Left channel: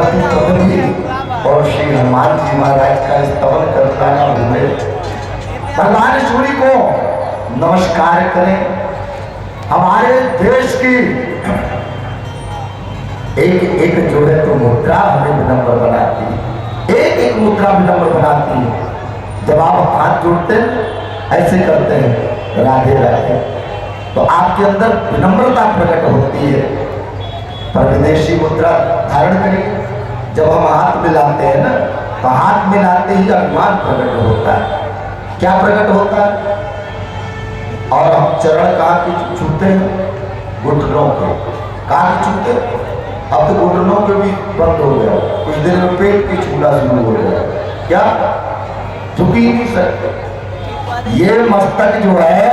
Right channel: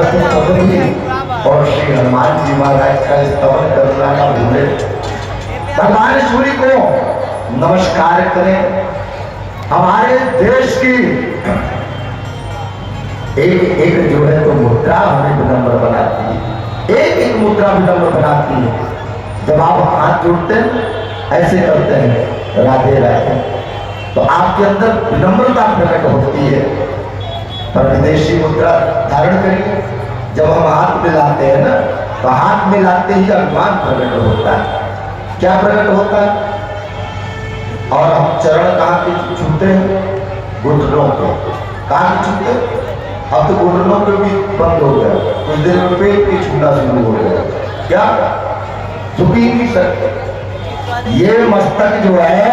प्रजापति प्रकट हुई और श्री हनुमान जी महाराज का स्तवन करना ना भूले। भगवान सूर्य को नमस्कार करें। हमारे देश की एक एक जो है तो मुद्रा हमें विनम्र बनाती है, एक एक मुद्रा विनम्र बनाती है। जब आप हाथ जोड़ते हैं ऐसे करते हैं राधे राधे, तो आपके अंदर विनम्रता प्रकट होती है। पर विदेशी मुद्रा धारण करिए, जब हम हाथ मिलाते हैं ना तो हाथ मिलाते ही अभिमान प्रकट होता है। क्या प्रकट होता है? और हम चरण कहाँ के छूते हैं? घुटनों के। कहाँ के छूते? अब तो घुटनों के भी बंद हो गया, कुछ देर में पेट की छूना शुरू हो गया। क्या? झुक ही नहीं सकते। ये मस्तक जो है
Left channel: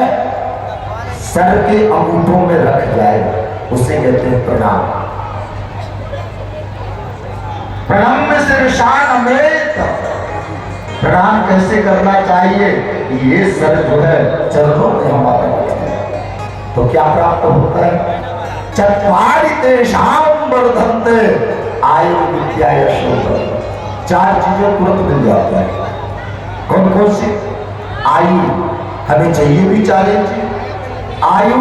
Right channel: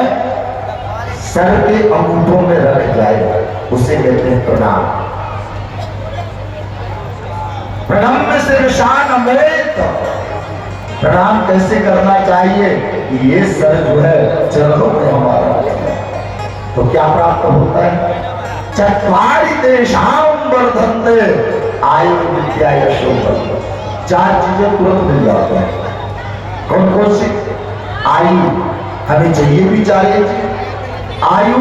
सर के अंगूठों में रख जाए, उसे कहते हैं प्रणाम। प्रणाम शीर्षान में प्रणाम कैसे करना चाहिए? ये सर जो है चरणों में हमारा होता है। तो क्या प्राप्त होता है? चत्वारि तेषां वर्धन्ते आयु विद्या यशो बल। चार चीजें तुरंत मिल जाता है। कौन कौन सी? आयु, हमें चाहिए भी चाहिए चीज। आयु,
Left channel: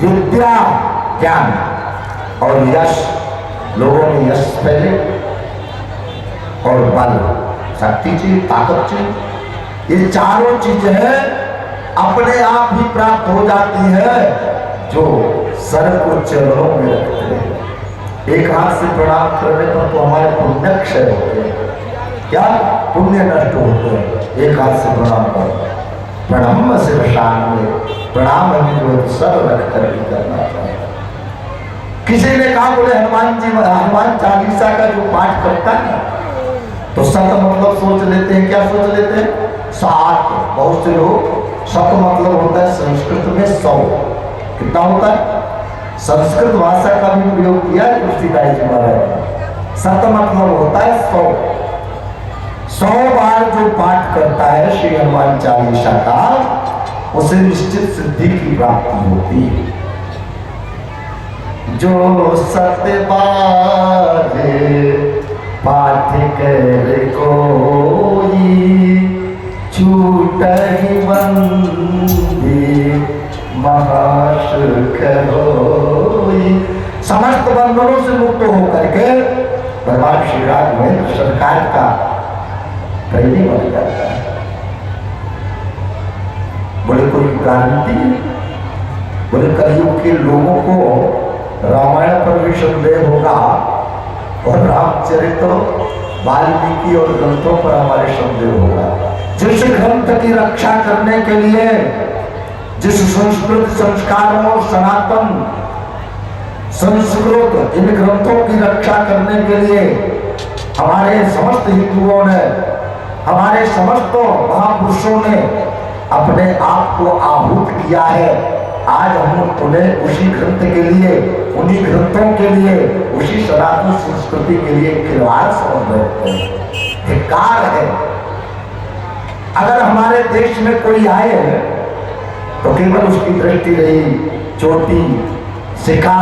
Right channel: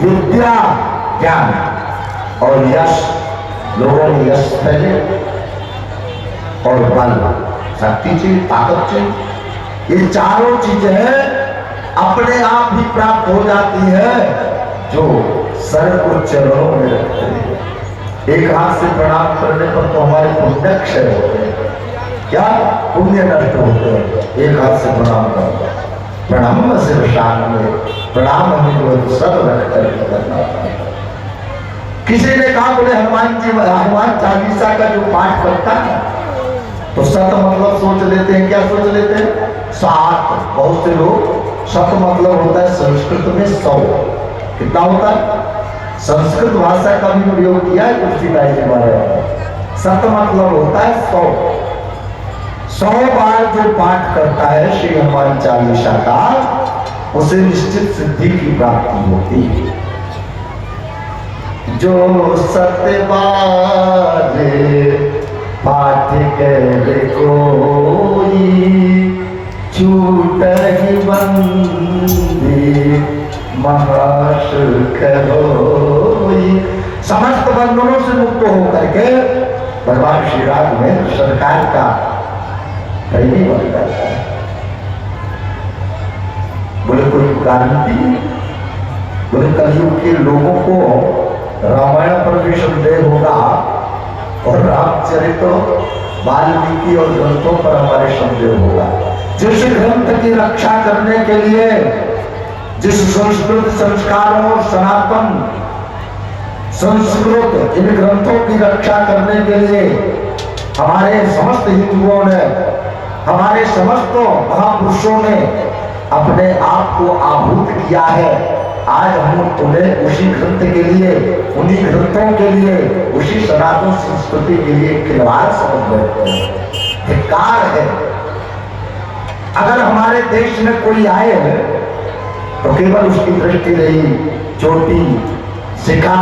विद्या, ज्ञान और यश। लोगों ने यश पहले, और बल, शक्ति चाहिए, ताकत चाहिए। ये चारों चीजें अपने आप ही प्राप्त हो जाती है जो सर को चरणों में रखते हैं। एक हाथ से प्रणाम करने पर तो हमारे पुण्य क्षय होते हैं। क्या? पुण्य नष्ट होते हैं। एक हाथ से प्रणाम करो। प्रणाम शीर्षान में प्रणाम हमें जो है सर रख कर करना चाहिए। किसी ने कहा बोले हनुमान जी, हनुमान चालीसा का जो पाठ करता है तो सत मतलब सोच लेते हैं। क्या सोच लेते हैं? 60। बहुत से लोग सत मतलब होता है संस्कृत में 100। कितना होता है? संस्कृत भाषा का भी प्रयोग किया है तुलसीदास जी महाराज। सत मतलब होता है 100। 100 बार जो पाठ करता है श्री हनुमान चालीसा का, उसे निश्चित सिद्धि की प्राप्ति होती है। जो सत्य बारे पाठ करे कोई, छूट ही बंदी महासुख होई। समस्त बंधनों से मुक्त होकर के भगवान श्री राघवेंद्र सरकार का कैदी बन जाता है। बोले कोई गारंटी? बोले कलयुग के लोगों को रामायण पर भी संदेह होगा और रामचरित्र, वाल्मीकि और ग्रंथों पर हमारे संदेह होगा। जिस ग्रंथ की रक्षा करने के लिए, जिस संस्कृत संस्कारों और सनातन संस्कृत इन ग्रंथों की रक्षा करने के लिए हमारे समस्त हिंदुओं ने, हमारे समस्त महापुरुषों ने अपने आप को आहूत किया है, आज हम उन्हें उसी ग्रंथ के लिए, उन्हीं ग्रंथों के लिए, उसी सनातन संस्कृति के लिए खिलवाड़ समझ बैठते हैं। धिक्कार है। अगर हमारे देश में कोई आए तो केवल उसकी दृष्टि रही चोटी, शिखा,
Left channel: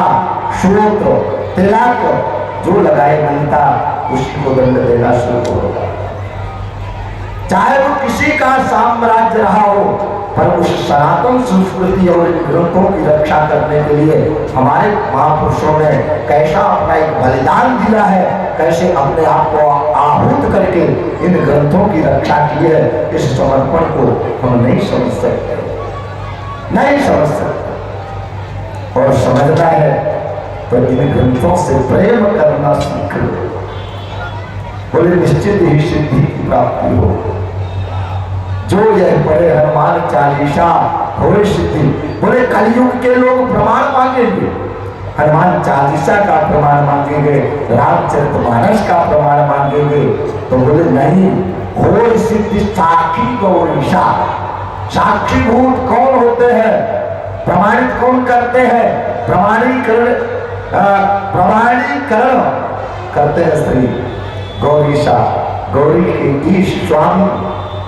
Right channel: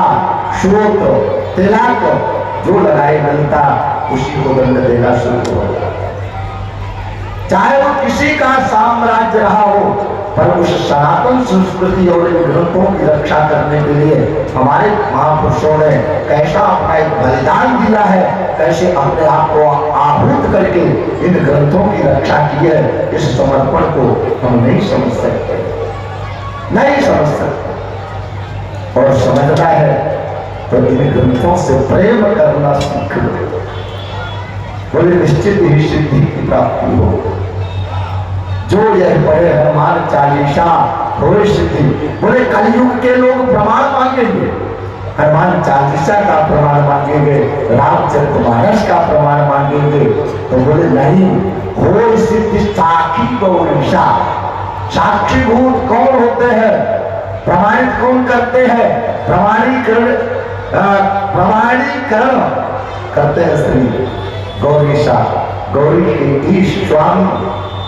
श्रोत्र, तिलक जो लगाए बनता, उसी को दंड देना शुरू हो जाता। चाहे वो किसी का साम्राज्य रहा हो, पर उस सनातन संस्कृति और इन ग्रंथों की रक्षा करने के लिए हमारे महापुरुषों ने कैसा अपना एक बलिदान दिया है, कैसे अपने आप को आहूत करके इन ग्रंथों की रक्षा की है, इस समर्पण को हम नहीं समझ सकते, नहीं समझ सकते। और समझना है तो इन ग्रंथों से प्रेम करना सीख लो, बोले निश्चित ही सिद्धि की प्राप्ति हो। जो यह पढ़े हनुमान चालीसा होए सिद्धि। बोले कलयुग के लोग प्रमाण मांगेंगे, हनुमान चालीसा का प्रमाण मांगेंगे, रामचरितमानस का प्रमाण मांगेंगे, तो बोले नहीं, होए सिद्धि साखी गौरीशा। साक्षीभूत कौन होते हैं? प्रमाणित कौन करते हैं? प्रमाणीकरण करते हैं श्री गौरीशा, गौरी के ईश स्वामी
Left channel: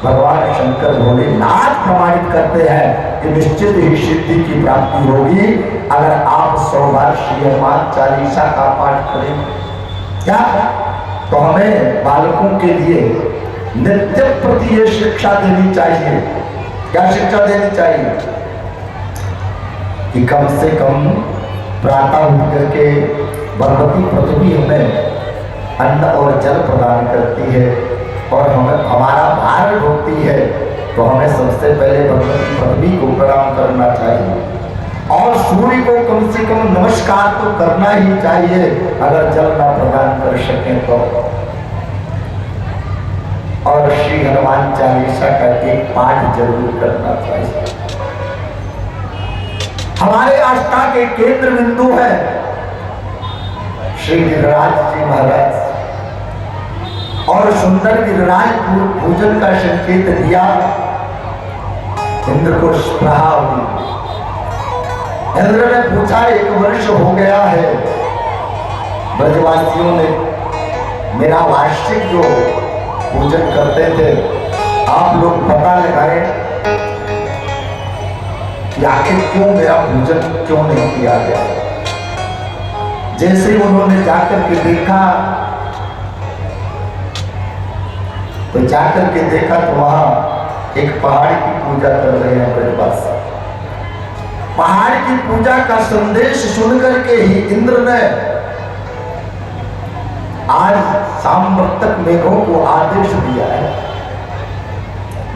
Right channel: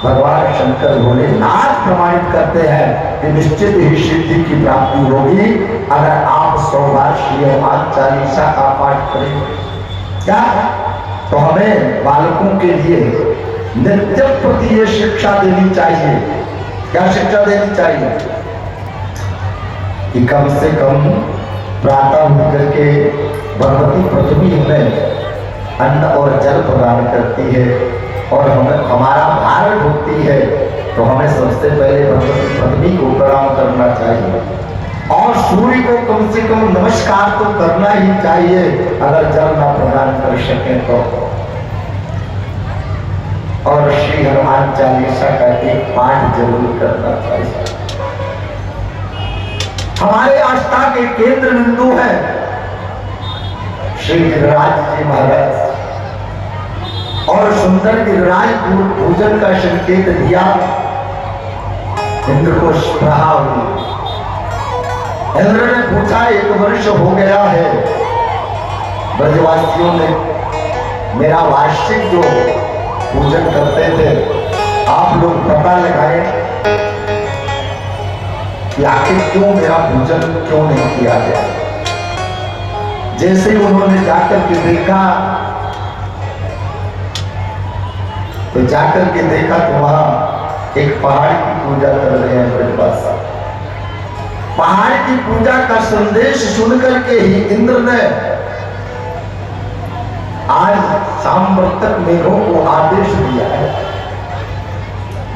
भगवान शंकर भोलेनाथ प्रमाणित करते हैं कि निश्चित ही सिद्धि की प्राप्ति होगी अगर आप 100 बार श्री हनुमान चालीसा का पाठ करेंगे। क्या? तो हमें बालकों के लिए नित्य प्रति ये शिक्षा देनी चाहिए। क्या शिक्षा देनी चाहिए? कि कम से कम प्रातः उठ करके भगवती पृथ्वी हमें अन्न और जल प्रदान करती है और हमें हमारा भार ढोती है, तो हमें सबसे पहले भगवती पृथ्वी को प्रणाम करना चाहिए और सूर्य को कम से कम नमस्कार तो करना ही चाहिए। अगर जल न प्रदान कर सके तो। और श्री हनुमान चालीसा का एक पाठ जरूर करना चाहिए। हमारे आस्था के केंद्र बिंदु है श्री गिरिराज जी महाराज, और सुंदर गिरिराज पूजन का संकेत दिया। इंद्र को स्पृहा हुई। इंद्र ने पूछा, 1 वर्ष हो गया है, ब्रजवासियों ने मेरा वार्षिक जो पूजन करते थे, आप लोग पता लगाए कि आखिर क्यों मेरा पूजन क्यों नहीं किया गया। जैसे उन्होंने जाकर के देखा तो वहां एक पहाड़ की पूजा कर रहे हैं ब्रजवासी। पहाड़ की पूजा का संदेश सुनकर के ही इंद्र ने आज साम्वर्तक मेघों को आदेश दिया है,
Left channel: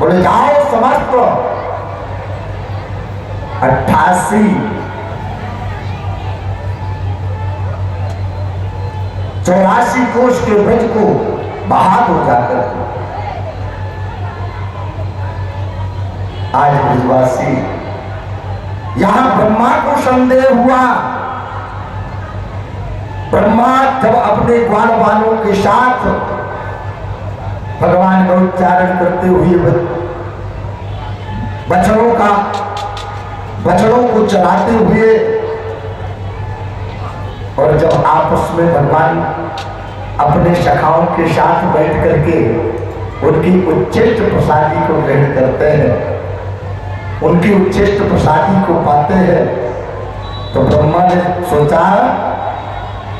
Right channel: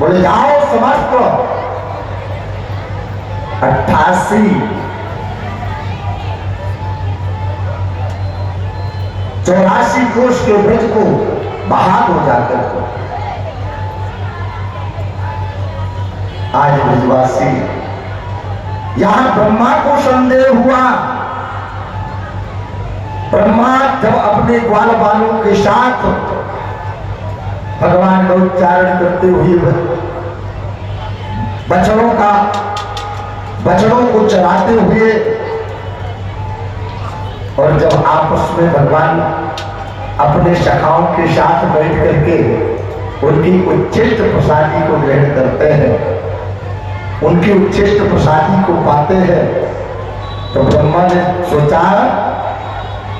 बोले जाओ समस्त 84 कोष के ब्रज को बहा हो जाकर आज ब्रजवासी। यहां ब्रह्मा को संदेह हुआ। ब्रह्मा जब अपने ग्वाल बालों के साथ भगवान का उच्चारण करते हुए बछड़ों को चराते हुए, और जब आपस में भगवान अपने सखाओं के साथ बैठ करके उनकी उच्चिष्ट प्रसादी को ग्रहण करते हैं, उनकी उच्चिष्ट प्रसादी को पाते हैं, तो ब्रह्मा ने सोचा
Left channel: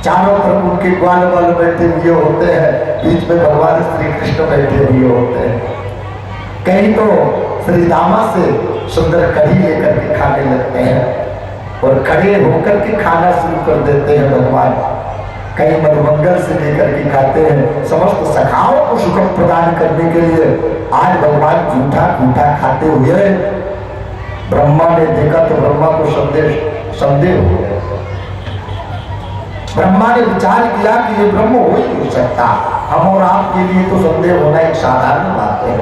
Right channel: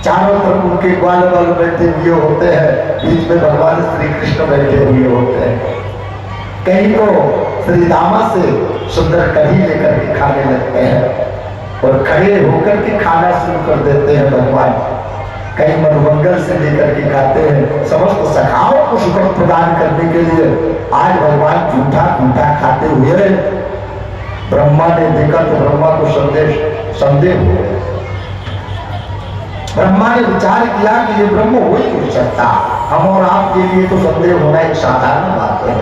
चारों तरफ उनके ग्वाल बाल बैठे हुए होते हैं, बीच में भगवान श्री कृष्ण बैठे हुए होते हैं। कहीं तो श्री रामा से सुंदर कढ़ी लेकर के खाने लगते हैं और खड़े होकर के खाना शुरू कर देते हैं भगवान। कई मधुमंगल से लेकर के खाते हैं। समस्त सखाओं को सुख प्रदान करने के लिए आज भगवान झूठा कूठा खाते हुए ब्रह्मा ने देखा तो ब्रह्मा को संदेह हो गया। ब्रह्मा ने विचार किया कि ये ब्रह्म हो ही नहीं सकता। हम और आपके लिए तो संदेह होना एक साधारण बात है।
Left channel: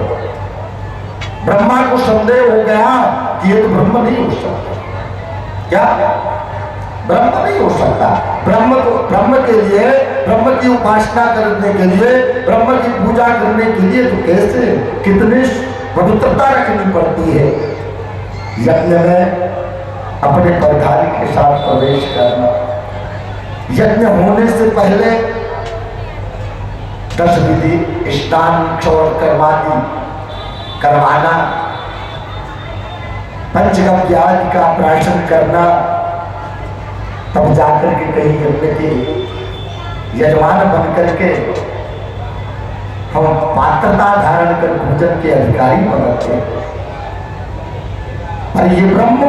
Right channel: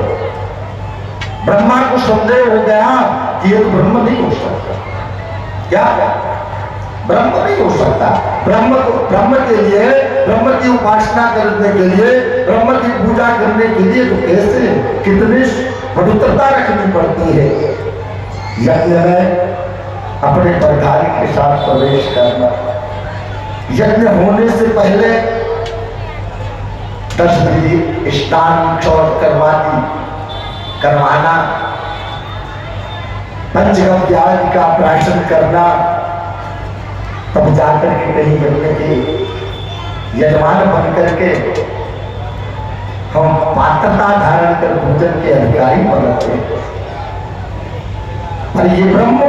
ब्रह्मा को संदेह हो गया कि ये तो ब्रह्म नहीं हो सकता। क्या ब्रह्म नहीं हो सकता? ब्रह्म के लिए, ब्रह्म की उपासना करने के लिए, ब्रह्म की पूजा करने के लिए तो कैसे कितनी पवित्रता रखनी पड़ती है। यज्ञ में अपने परधारी के साथ प्रवेश करना, यज्ञ होने से पहले 10 विधि स्नान क्षौर करवाना, पंचगव्य आदि का प्राशन करना, तब जाकर के कहीं यज्ञ के यजमान बन करके हम पात्रता धारण कर भोजन के अधिकारी बनते हैं। और ये ब्रह्म,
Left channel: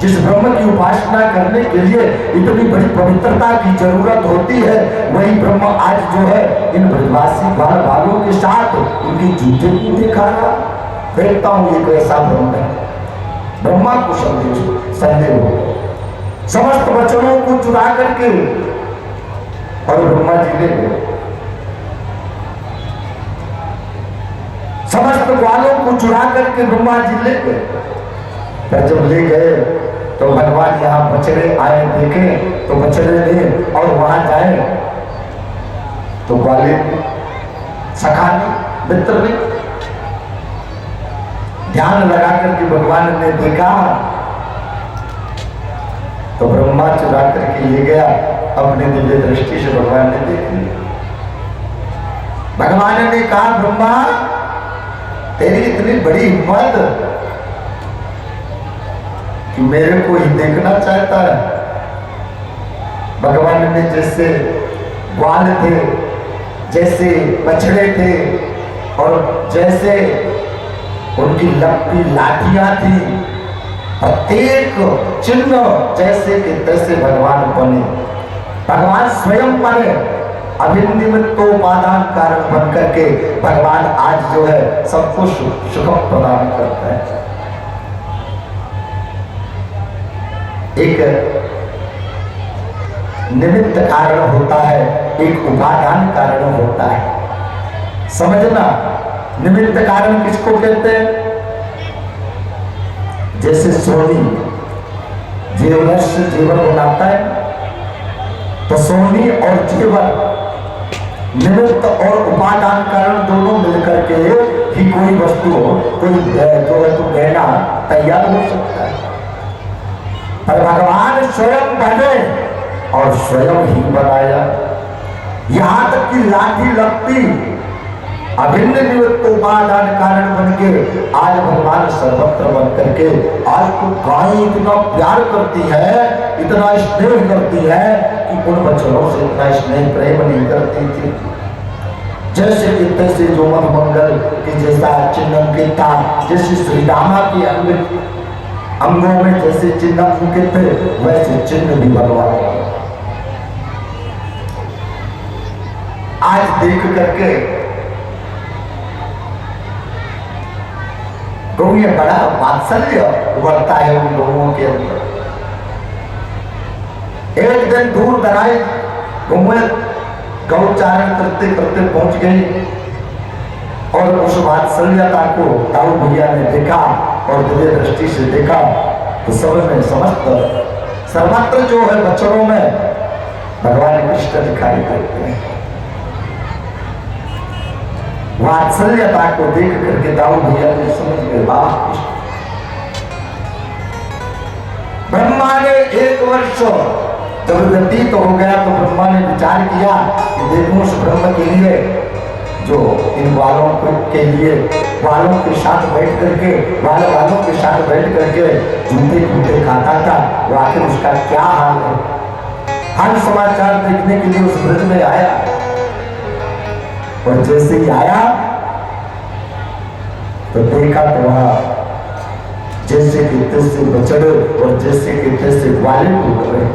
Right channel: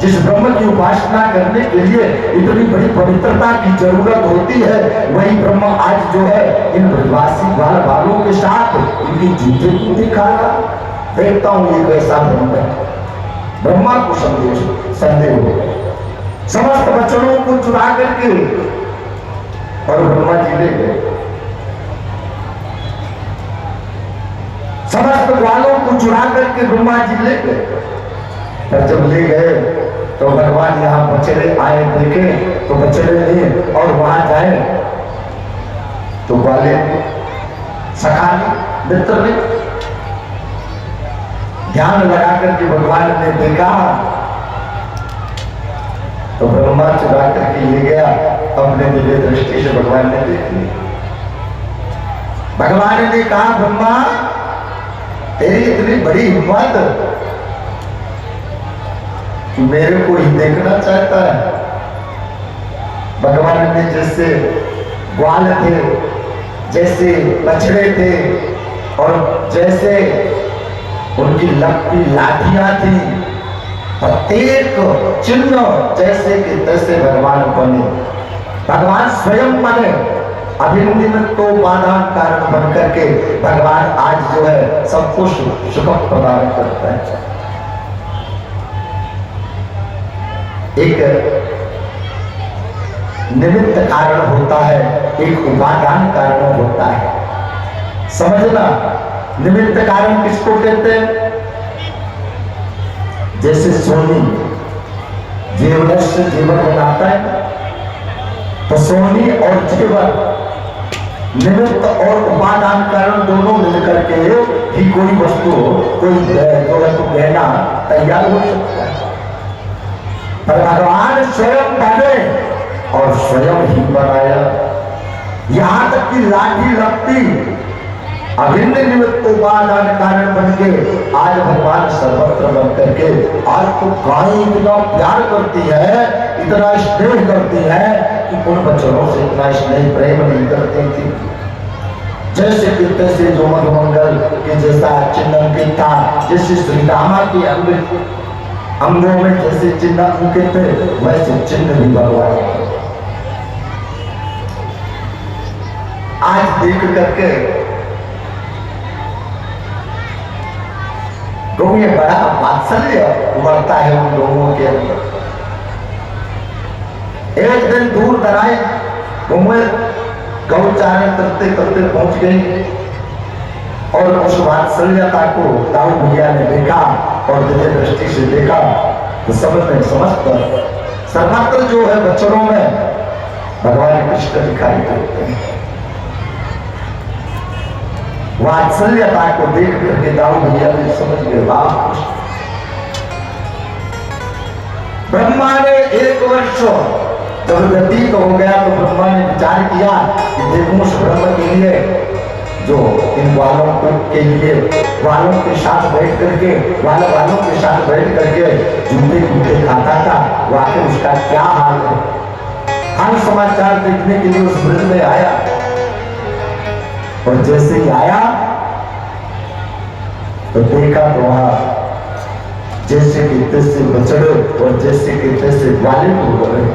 जिस ब्रह्म की उपासना करने के लिए इतनी बड़ी पवित्रता की जरूरत होती है, वही ब्रह्म आज जो है इन ब्रजवासी बाल बालों के साथ उनकी जूते को दिखाना। देखता हूं ये कैसा ब्रह्म है। ब्रह्मा को संदेह हो गया। समस्त वचनों को चुरा करके और ब्रह्मा जी ले गए। समस्त ग्वालों को चुरा करके ब्रह्मा जी ले गए। पर जब ले गए तो भगवान यहाँ बछड़े आए देखे तो बछड़े ले, और वहां जाए तो ग्वाले सखा ने मित्र ने ध्यान लगा करके भगवान ने देखा तो ब्रह्मा चुरा करके ले गया। अपने दिव्य दृष्टि से भगवान ने देख लिया। भगवान ने कहा, ब्रह्मा तेरी इतनी बड़ी हिम्मत कि मेरे को ही देखना चाहता है। भगवान ने जैसे ग्वाल थे, जैसे बछड़े थे, और जैसे उनकी लगती लाठियां थी, प्रत्येक चिन्ह जैसे कि तैसे भगवान बने, भगवान स्वयं बने, अभिनिमित्तोपादान कारण बन करके भगवान आज जो है सबको सुख प्रदान करता है। एक निमित्त कारण होता है, एक उपादान कारण होता है। समझना, निमित्त कारण किसको कहते हैं? जैसे सोनी जेवर से जेवर बनाता है, तो सोनी और जेवर निमित्त और उपादान कारण दोनों मिलकर के ही कोई वस्तु, कोई जो है तो गहना तैयार हो सकता है। पर भगवान स्वयं बने और स्वयं ही बनाया। यहां तक कि लाठी लगती अभिन्न निमित्त उपादान कारण बन के आज भगवान सर्वत्र बन करके आज तो गाय इतना प्यार करती है, इतना स्नेह करती है कि उन बच्चों से इतना स्नेह प्रेम नहीं करती थी। जैसे कि तैसे जो मंगल के जैसा चिन्ह अंकित था, जैसे श्री रामा के अंगों में जैसे चिन्ह अंकित थे, वैसे चिन्ह भी भगवान आज देख करके तो ये बड़ा वात्सल्य उभरता है उन लोगों के अंदर। एक दिन दूर दराज गौचारण करते करते पहुंच गई और उस वात्सल्यता को दाऊ भैया ने देखा और दिव्य दृष्टि से देखा तो समस्त सर्वत्र जो है बच्चों में भगवान कृष्ण दिखाई देते हैं। वात्सल्यता को देख करके दाऊ भैया भी समझ गए, ब्रह्मा ने 1 वर्ष जब व्यतीत तो हो गया तो ब्रह्मा ने विचार किया कि देखो उस ब्रह्म के लिए जो इन वालों के लिए वालों के साथ बैठ करके वालों के साथ बैठ करके जूते जूते खाता था, वो आखिर उसका क्या हाल है। हर समाचार देखने के लिए उस ब्रज में आया और जैसे ही आया तो देखा तो वहां जैसे कि तैसे बछड़े और जैसे कि तैसे ग्वाले टूट गए।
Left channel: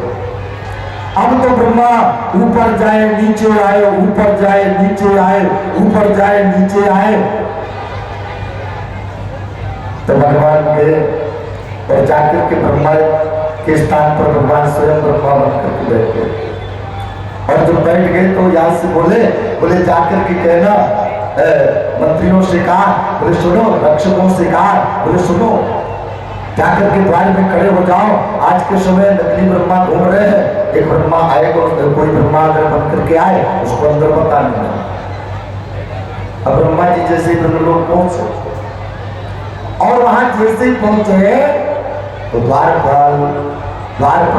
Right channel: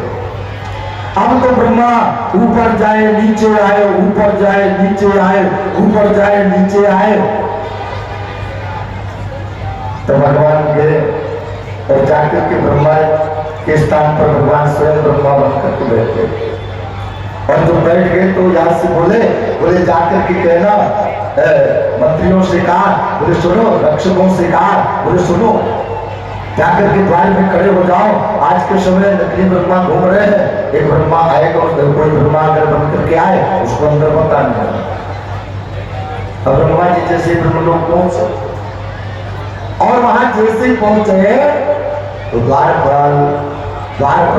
अब तो ब्रह्मा ऊपर जाए नीचे आए, ऊपर जाए नीचे आए, ऊपर जाए नीचे आए, तो भगवान के और जाकर के ब्रह्मा के स्थान पर भगवान स्वयं ब्रह्मा बनकर के बैठ गए। और जब बैठ गए तो यहाँ से बोले जाकर के कहना मंत्रियों से कहा, बोले सुनो, रक्षकों से कहा, बोले सुनो, जाकर के द्वार में खड़े हो जाओ, आज के समय नकली ब्रह्मा घूम रहे हैं, एक ब्रह्मा आएगा, कोई ब्रह्मा अगर बन करके आए उसको अंदर बता नहीं। अब ब्रह्मा जी जैसे ब्रह्मलोक पहुंचे और वहां जैसे ही पहुंचे तो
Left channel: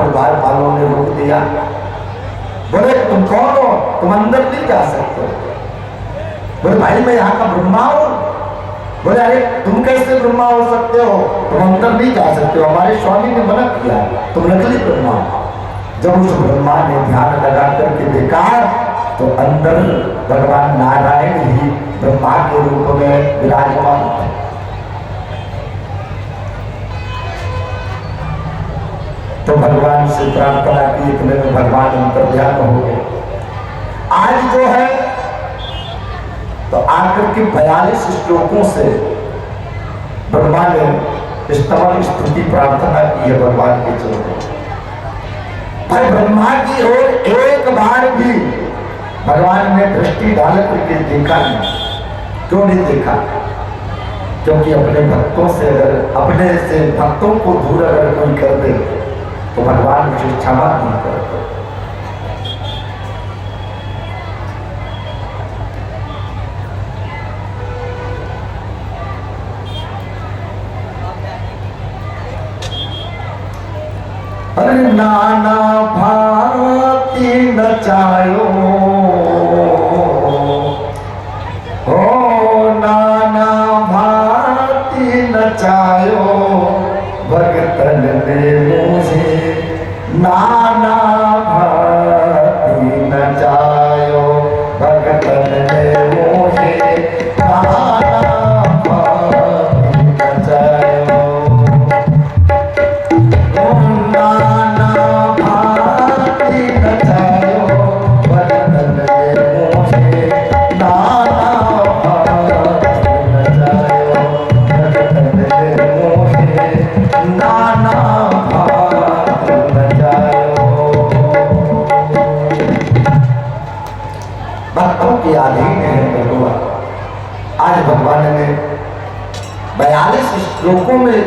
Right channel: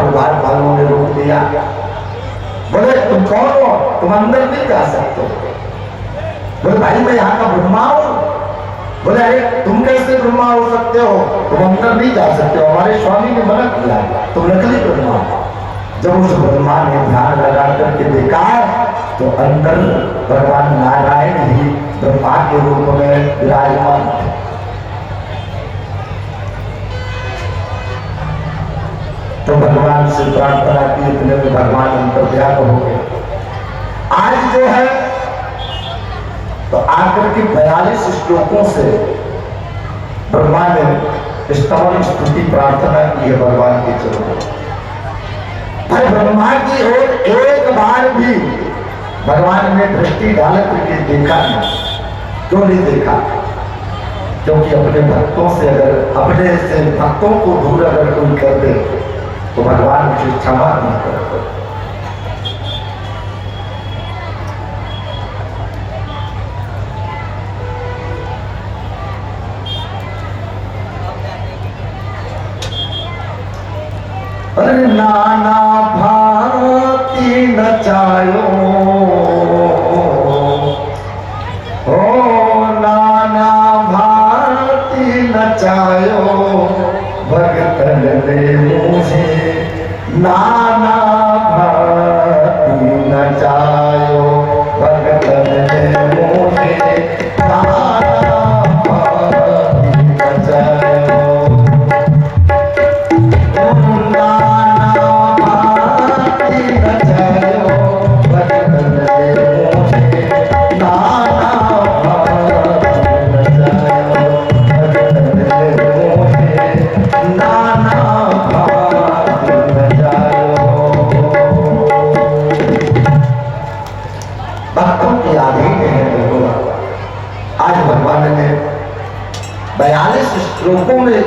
द्वारपालों ने रोक दिया। बोले तुम कौन हो, तुम अंदर नहीं जा सकते। बोले भाई मैं यहाँ का ब्रह्मा हूँ। बोले अरे तुम कैसे ब्रह्मा हो सकते हो, तुम अंदर नहीं जा सकते हो, हमारे स्वामी ने मना किया, तुम नकली ब्रह्मा। जब उस ब्रह्मा ने ध्यान लगा करके देखा तो अंदर भगवान नारायण ही ब्रह्मा के रूप में विराजमान थे। तो भगवान से प्रार्थना की, इतने में भगवान अंतर्ध्यान हो गए। आज जो है तो आकर के 42 श्लोकों से ब्रह्मा ने स्तवन स्तुति प्रार्थना की है भगवान के चरणों। पर ब्रह्मा की ओर एक बार भी भगवान ने दृष्टि डाल करके देखा नहीं। क्यों नहीं देखा? क्योंकि अपने भक्तों से अगर अपने से भक्तों को दूर अगर कोई कर दे तो भगवान उसे क्षमा नहीं करते। अरे नाना भांति नचायो, ओ नाना भांति नचायो, भगतन ने मुझे नाना भांति नचायो। भक्तों के अधीन है भगवान। आज भगवान ने 42 श्लोकों में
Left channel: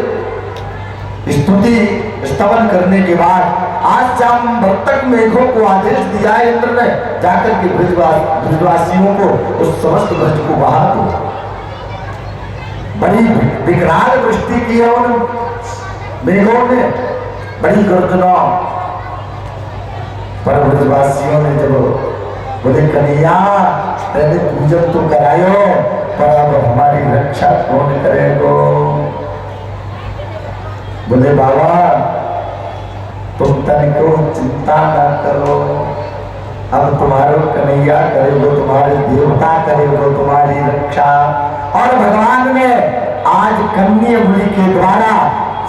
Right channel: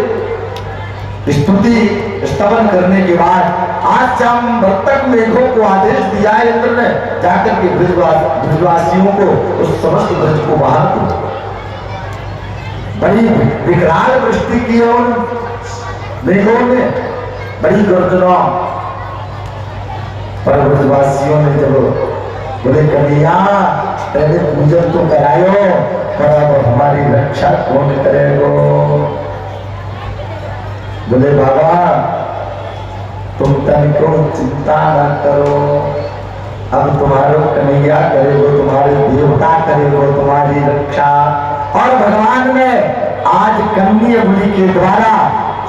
स्तुति स्तवन करने के बाद आज जामवंतक मेघों को आदेश दिया है इंद्र ने, जाकर के ब्रजवासियों को उस समस्त ब्रज को बहा दो। बड़ी विकराल वृष्टि की है उन मेघों ने, बड़ी गर्जना। पर ब्रजवासियों ने जब बोले कन्हैया पहले पूजन तो करायो, पर अब हमारी रक्षा कौन करेगो? बोले बाबा तुम तनिको चिंता ना करो, अब तुम्हारो कन्हैया करेगो, तुम्हारे देवता करेगो तुम्हारी रक्षा। और भगवान ने आज कन्या बलि के द्वारा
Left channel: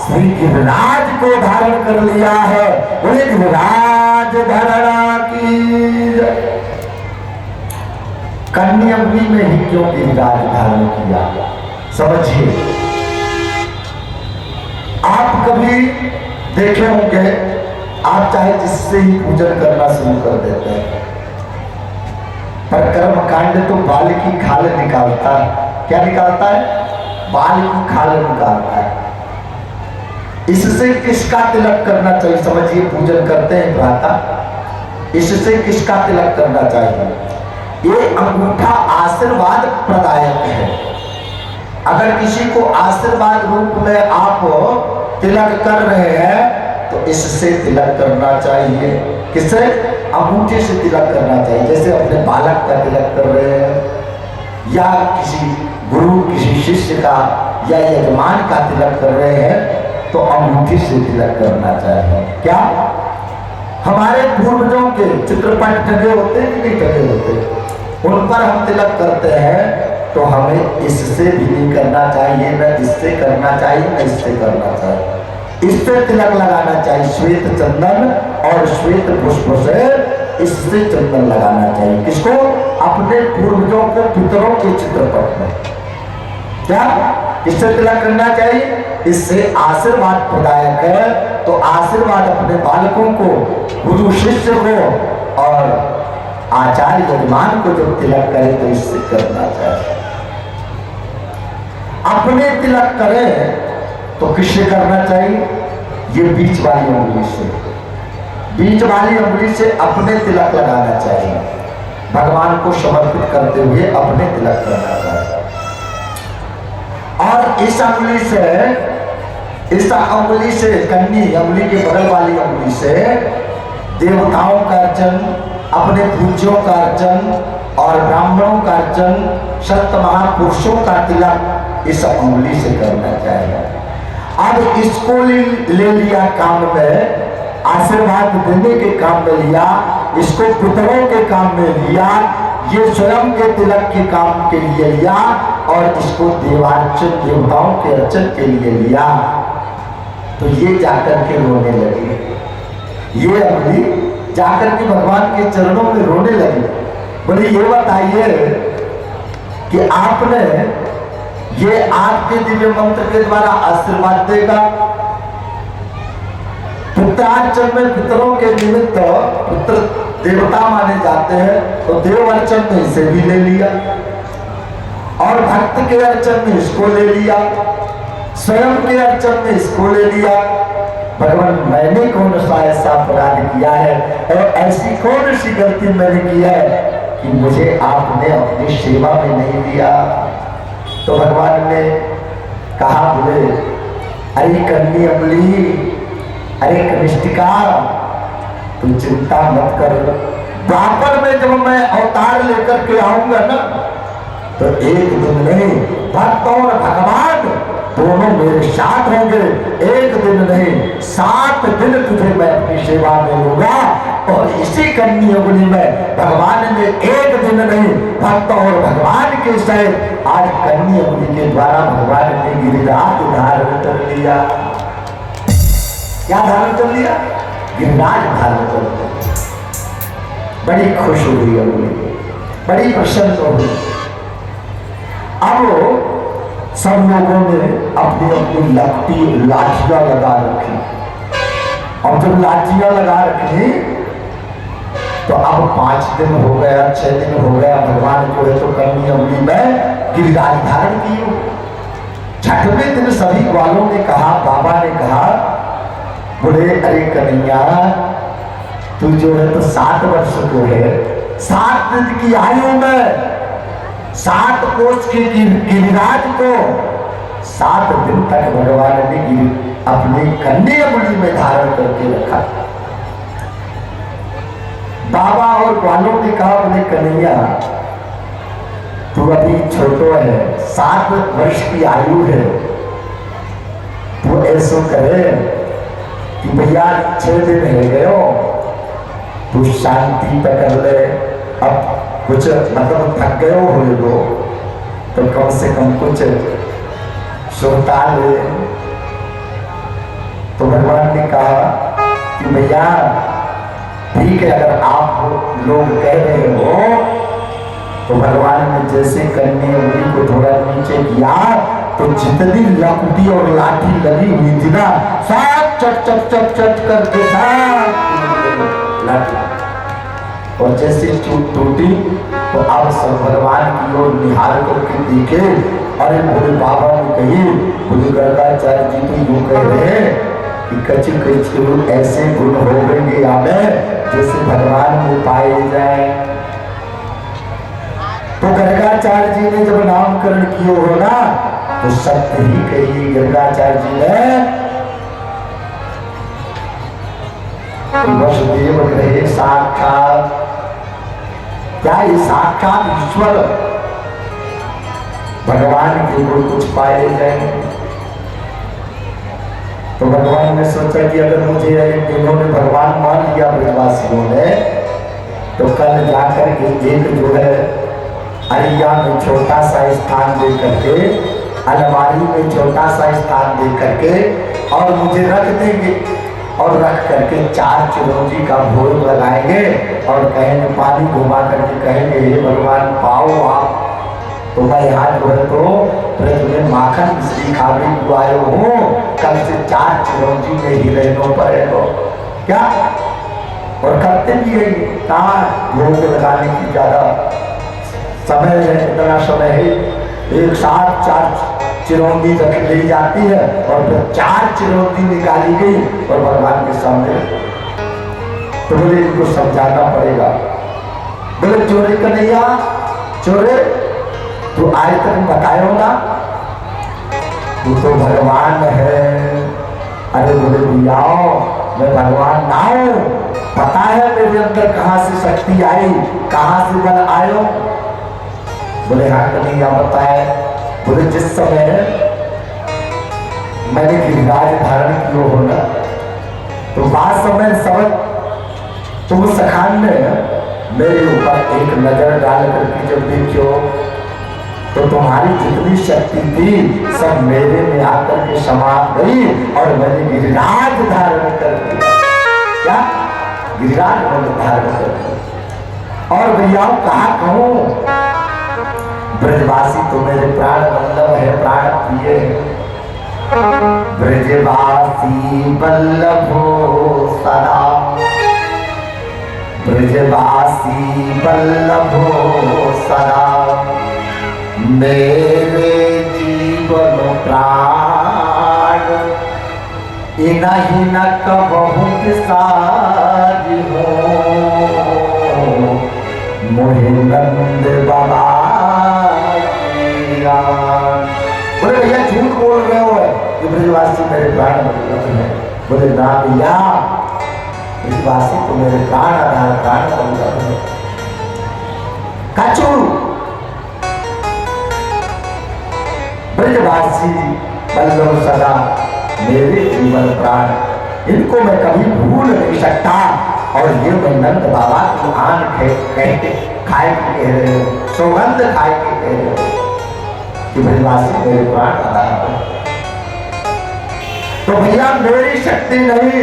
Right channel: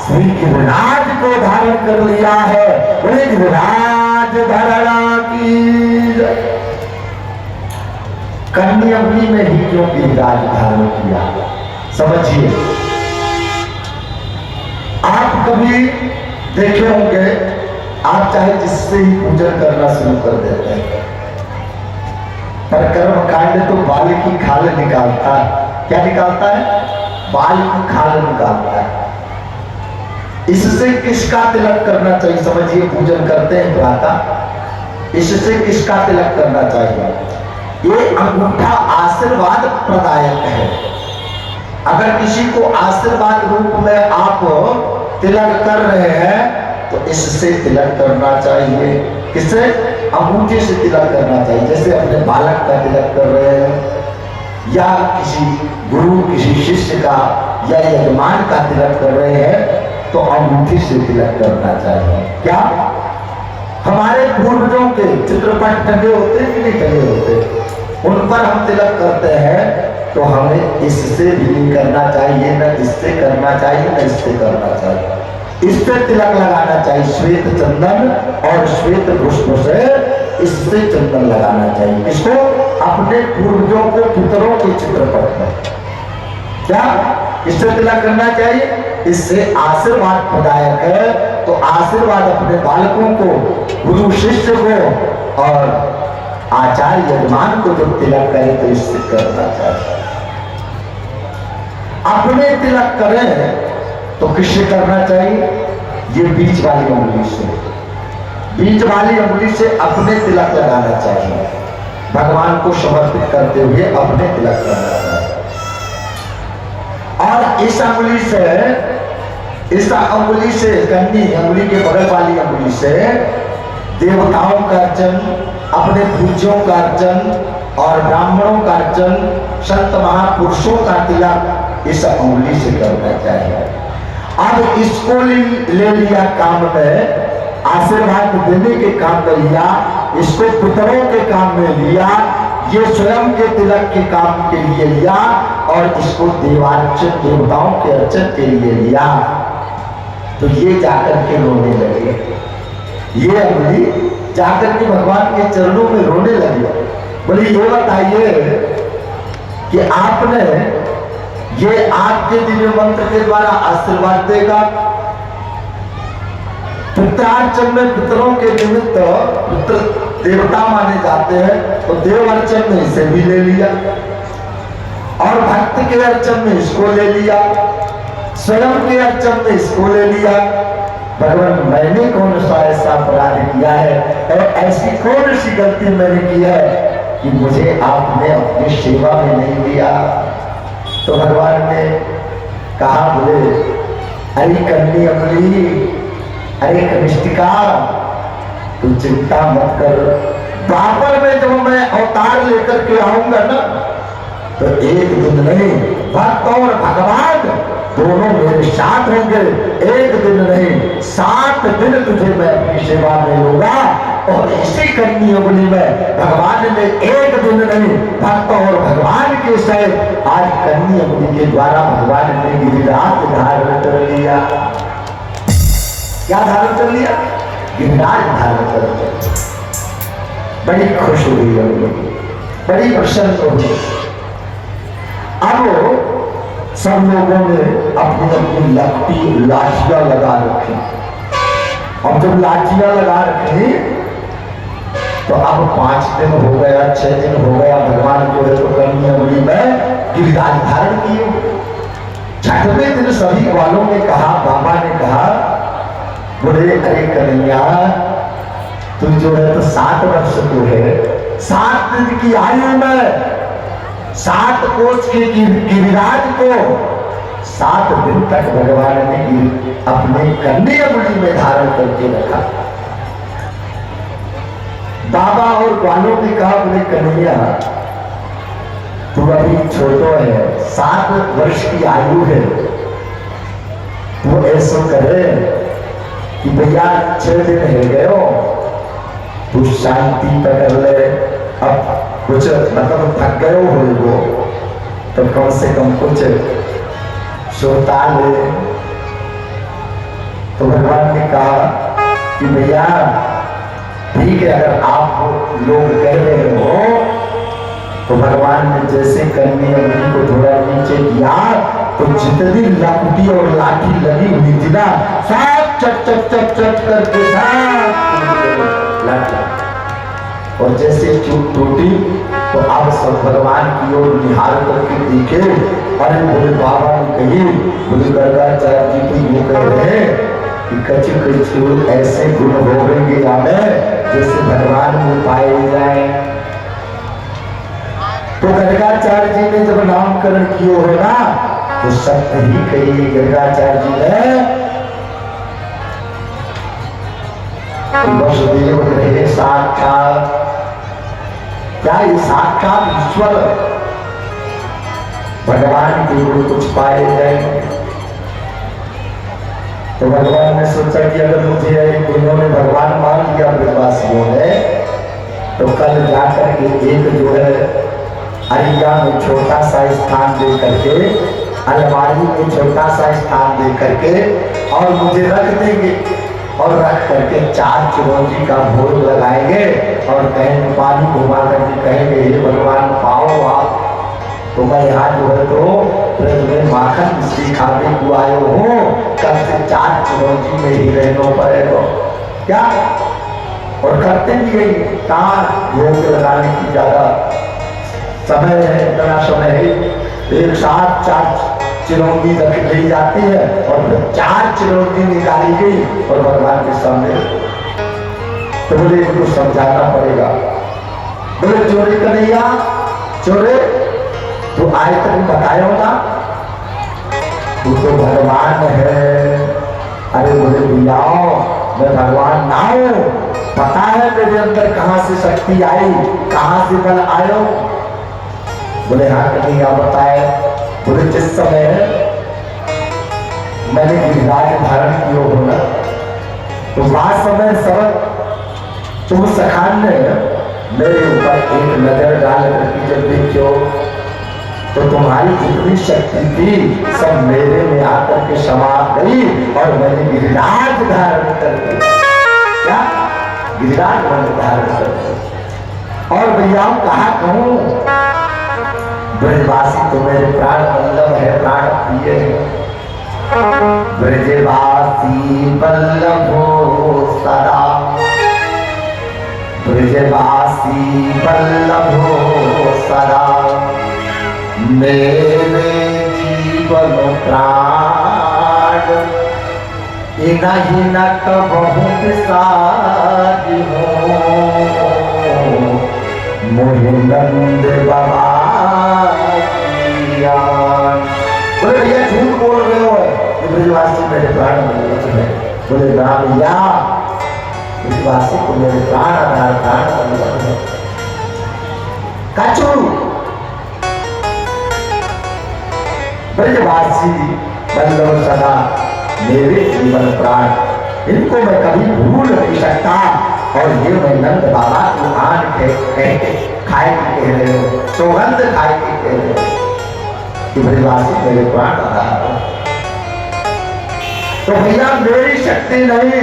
श्री गिरिराज को धारण कर लिया है। बोले गिरिराज धारणा की। कन्या बलि में ही क्यों गिरिराज धारण किया समझिए। आप कभी देखे होंगे, आप चाहे जिससे ही पूजन करना शुरू कर देते हैं, पर कर्म कांड तो बाल की खाल निकालता। क्या निकालता है? बाल की खाल निकालता है। इससे किसका तिलक करना चाहिए समझिए। पूजन करते हैं प्रातः, इससे किसका तिलक करना चाहिए? ये अंगूठा आशीर्वाद प्रदायक है। अगर किसी को आशीर्वाद रूप में आप तिलक कर रहे हैं तो इससे तिलक करना चाहिए। किससे? अंगूठी से तिलक करना चाहिए। जैसे अपने बालक का तिलक कर रहे हैं, या किसी गुरु किसी शिष्य का या यजमान का तिलक कर रहे हैं तो अंगूठी से तिलक करना चाहिए। क्या हमारे पूर्वजों के चित्रपट टंगे होते कि नहीं टंगे होते, उन पर हम तिलक करते हैं तो हमें इससे भी नहीं करना चाहिए, न इससे करना चाहिए, न इससे करना चाहिए। इससे तिलक लगाना चाहिए, श्वेत चंदन और श्वेत पुष्प से इससे चंदन लगाना चाहिए। किसको? अपने पूर्वजों को, पितरों के चित्रपट में। क्या इससे तिलक करना चाहिए? इससे आशीर्वाद प्रदायक है। तो आशीर्वाद अपने बालकों को, गुरु शिष्य को और आचार्य यजमान को जब तिलक करे तो इससे करना चाहिए। अपने तिलक करें तो किससे करना चाहिए? ये बीच वाली अंगुली से, बीच वाली अंगुली से अपने तिलक लगाना चाहिए। भगवान को समर्पित करते हुए अपने तिलक करना चाहिए। और इस अंगुली से कन्नी अंगुली के बगल वाली अंगुली से देवताओं का अर्चन, अपने पूज्यों का अर्चन और ब्राह्मणों का अर्चन, संत महापुरुषों का तिलक इस अंगुली से करना चाहिए। अब इसको ले लिया काम में, आशीर्वाद देने के काम में लिया, इसको पितरों के काम में लिया, ये स्वयं के तिलक के काम के लिए लिया और इसको देवार्चन देवताओं के अर्चन के लिए लिया। तो ये जाकर के रोने लगे, ये अंगुली जाकर के भगवान के चरणों में रोने लगे। बोले ये बताइए कि आपने ये आपके दिव्य मंत्र के द्वारा आशीर्वाद देगा। पुत्रार्चन में पितरों के निमित्त पुत्र देवता माने जाते हैं, तो देव अर्चन में इसे भी ले लिया और भक्त के अर्चन में इसको ले लिया, स्वयं के अर्चन में इसको ले लिया। भगवान मैंने कौन सा ऐसा अपराध किया है, ऐसी कौन सी गलती मैंने की है कि मुझे आपने अपनी सेवा में नहीं लिया? तो भगवान ने कहा, बोले अरे कन्नी अमली, अरे कनिष्ठिका, तुम चिंता मत कर। द्वापर में जब मैं अवतार लेकर के आऊंगा ना, तो एक दिन नहीं, भक्त और भगवान दोनों मेरे साथ होंगे। एक दिन नहीं, 7 दिन तुझे मैं अपनी सेवा में लूंगा। और इसी कन्नी अंगुली में भगवान ने एक दिन नहीं, भक्त और भगवान के सहित आज कन्नी अंगुली के द्वारा भगवान ने गिरिराज धारण कर लिया। क्या धारण कर लिया? गिरिराज धारण कर लिया। बड़ी खुश हुई अंगुली, बड़ी प्रसन्न हुई। अब सब लोगों ने अपनी अपनी लपटी लाठियां लगा रखी, और जब लाठियां लगा रखी तो अब 5 दिन हो गया, 6 दिन हो गया, गिरिराज धारण किए। छठवें दिन सभी ग्वालों ने कहा, बाबा ने कहा, बोले अरे कन्हैया तू जो है तो 7 वर्ष को है, 7 दिन की आयु में 7 कोस के गिरिराज को 7 दिन तक भगवान ने अपने कन्या मुड़ी में धारण करके रखा। बाबा और ग्वालों ने कहा, बोले कन्हैया तू अभी छोटो है, 7 वर्ष की आयु है, तो ऐसा करे कि भैया 6 दिन रह गए, तू शांति पकड़ ले, अब कुछ मतलब थक गए हो तो कम से कम कुछ सोता ले। तो भगवान ने कहा कि भैया ठीक है, अगर आप लोग कह रहे हो, तो भगवान ने जैसे कन्या मुड़ी को थोड़ा नीचे किया तो जितनी लकुटी और लाठी लगी हुई थी ना, सब चट चट चट चट करके सब लाठी, और जैसे चूक टूटी तो अब सब भगवान की ओर निहार करके देखे। अरे बोले बाबा ने कही, बोले गर्गाचार्य जी तो यूं कह रहे हैं कि कछु कछु ऐसे गुण हो गए हमें जैसे भगवान में पाए जाए। तो गर्गाचार्य जी ने जब नामकरण किया हो ना, तो सत्य ही कही गर्गाचार्य जी ने, वसुदेव ग्रहे साक्षात, क्या ये साक्षात ईश्वर भगवान के गुण कुछ पाए जाएंगे। तो भगवान ने सोचा कि अगर मुझे इन्होंने भगवान मान लिया ब्रजवासियों ने, तो कल जाकर के एक जो है अरिया में छोटा सा स्थान दे करके, अलमारी में छोटा सा स्थान दे करके और मुझे रख देंगे, और रख करके 4 चिरौंजी का भोग लगाएंगे और कहेंगे, पानी घुमा करके कहेंगे, हे भगवान पाओ आप, तो मैं यहाँ जो है तो ब्रज में माखन मिश्री खाने को आए हो, कल से 4 चिरौंजी में ही रहना पड़ेगा क्या। और करते भी यही, कहाँ भोग लगाने की ज्यादा समय है, इतना समय है, एक साथ 4 चिरौंजी रख ली जाती है और फिर 4 चिरौंजी निकाली गई और भगवान के सामने। तो बोले इनको समझाना पड़ेगा। बोले चोरी कन्हैया चोरे, तो आज तक बताया ना, तू तो भगवान है। अरे बोले भैया मैं भगवान ना हूं, पता है मेरे अंदर कहां से शक्ति आई, कहां से बल आयो। बोले हाँ कन्हैया बताए। बोले जिस समय मैंने गिरिराज धारण किया हो ना, तो बाद समय सब तुम सखान ने मेरे ऊपर एक नजर डाल करके जब देखियो, तो तुम्हारी जितनी शक्ति थी सब मेरे में आकर के समा गई और मैंने गिरिराज धारण कर दिया। क्या गिरिराज मैंने धारण कर दिया। और भैया कहा कहूं, ब्रजवासी तो मेरे प्राण वल्लभ है, प्राण प्रिय है। ब्रजवासी वल्लभो सदा, ब्रजवासी वल्लभो सदा, मेरे जीवन प्राण इनहि न कबहु बिसारी हो, मोहि नंद बाबा। बोले भैया झूठ बोल रहे हो कि ब्रजवासी मेरे प्राण वल्लभ है। बोले ना भैया, ब्रजवासी तो मेरे प्राण आधार प्राण वल्लभ है। कछु ब्रजवासी वल्लभ सदा मेरे जीवन प्राण, इनको मैं कभी भूल नहीं सकता। और ये मैं नंद बाबा की आन कहते खाए के कह रहे हो, सौगंध खाए के कह रहे हो कि ब्रजवासी मेरे प्राण आधार है। तो भैया मेरी शक्ति नहीं,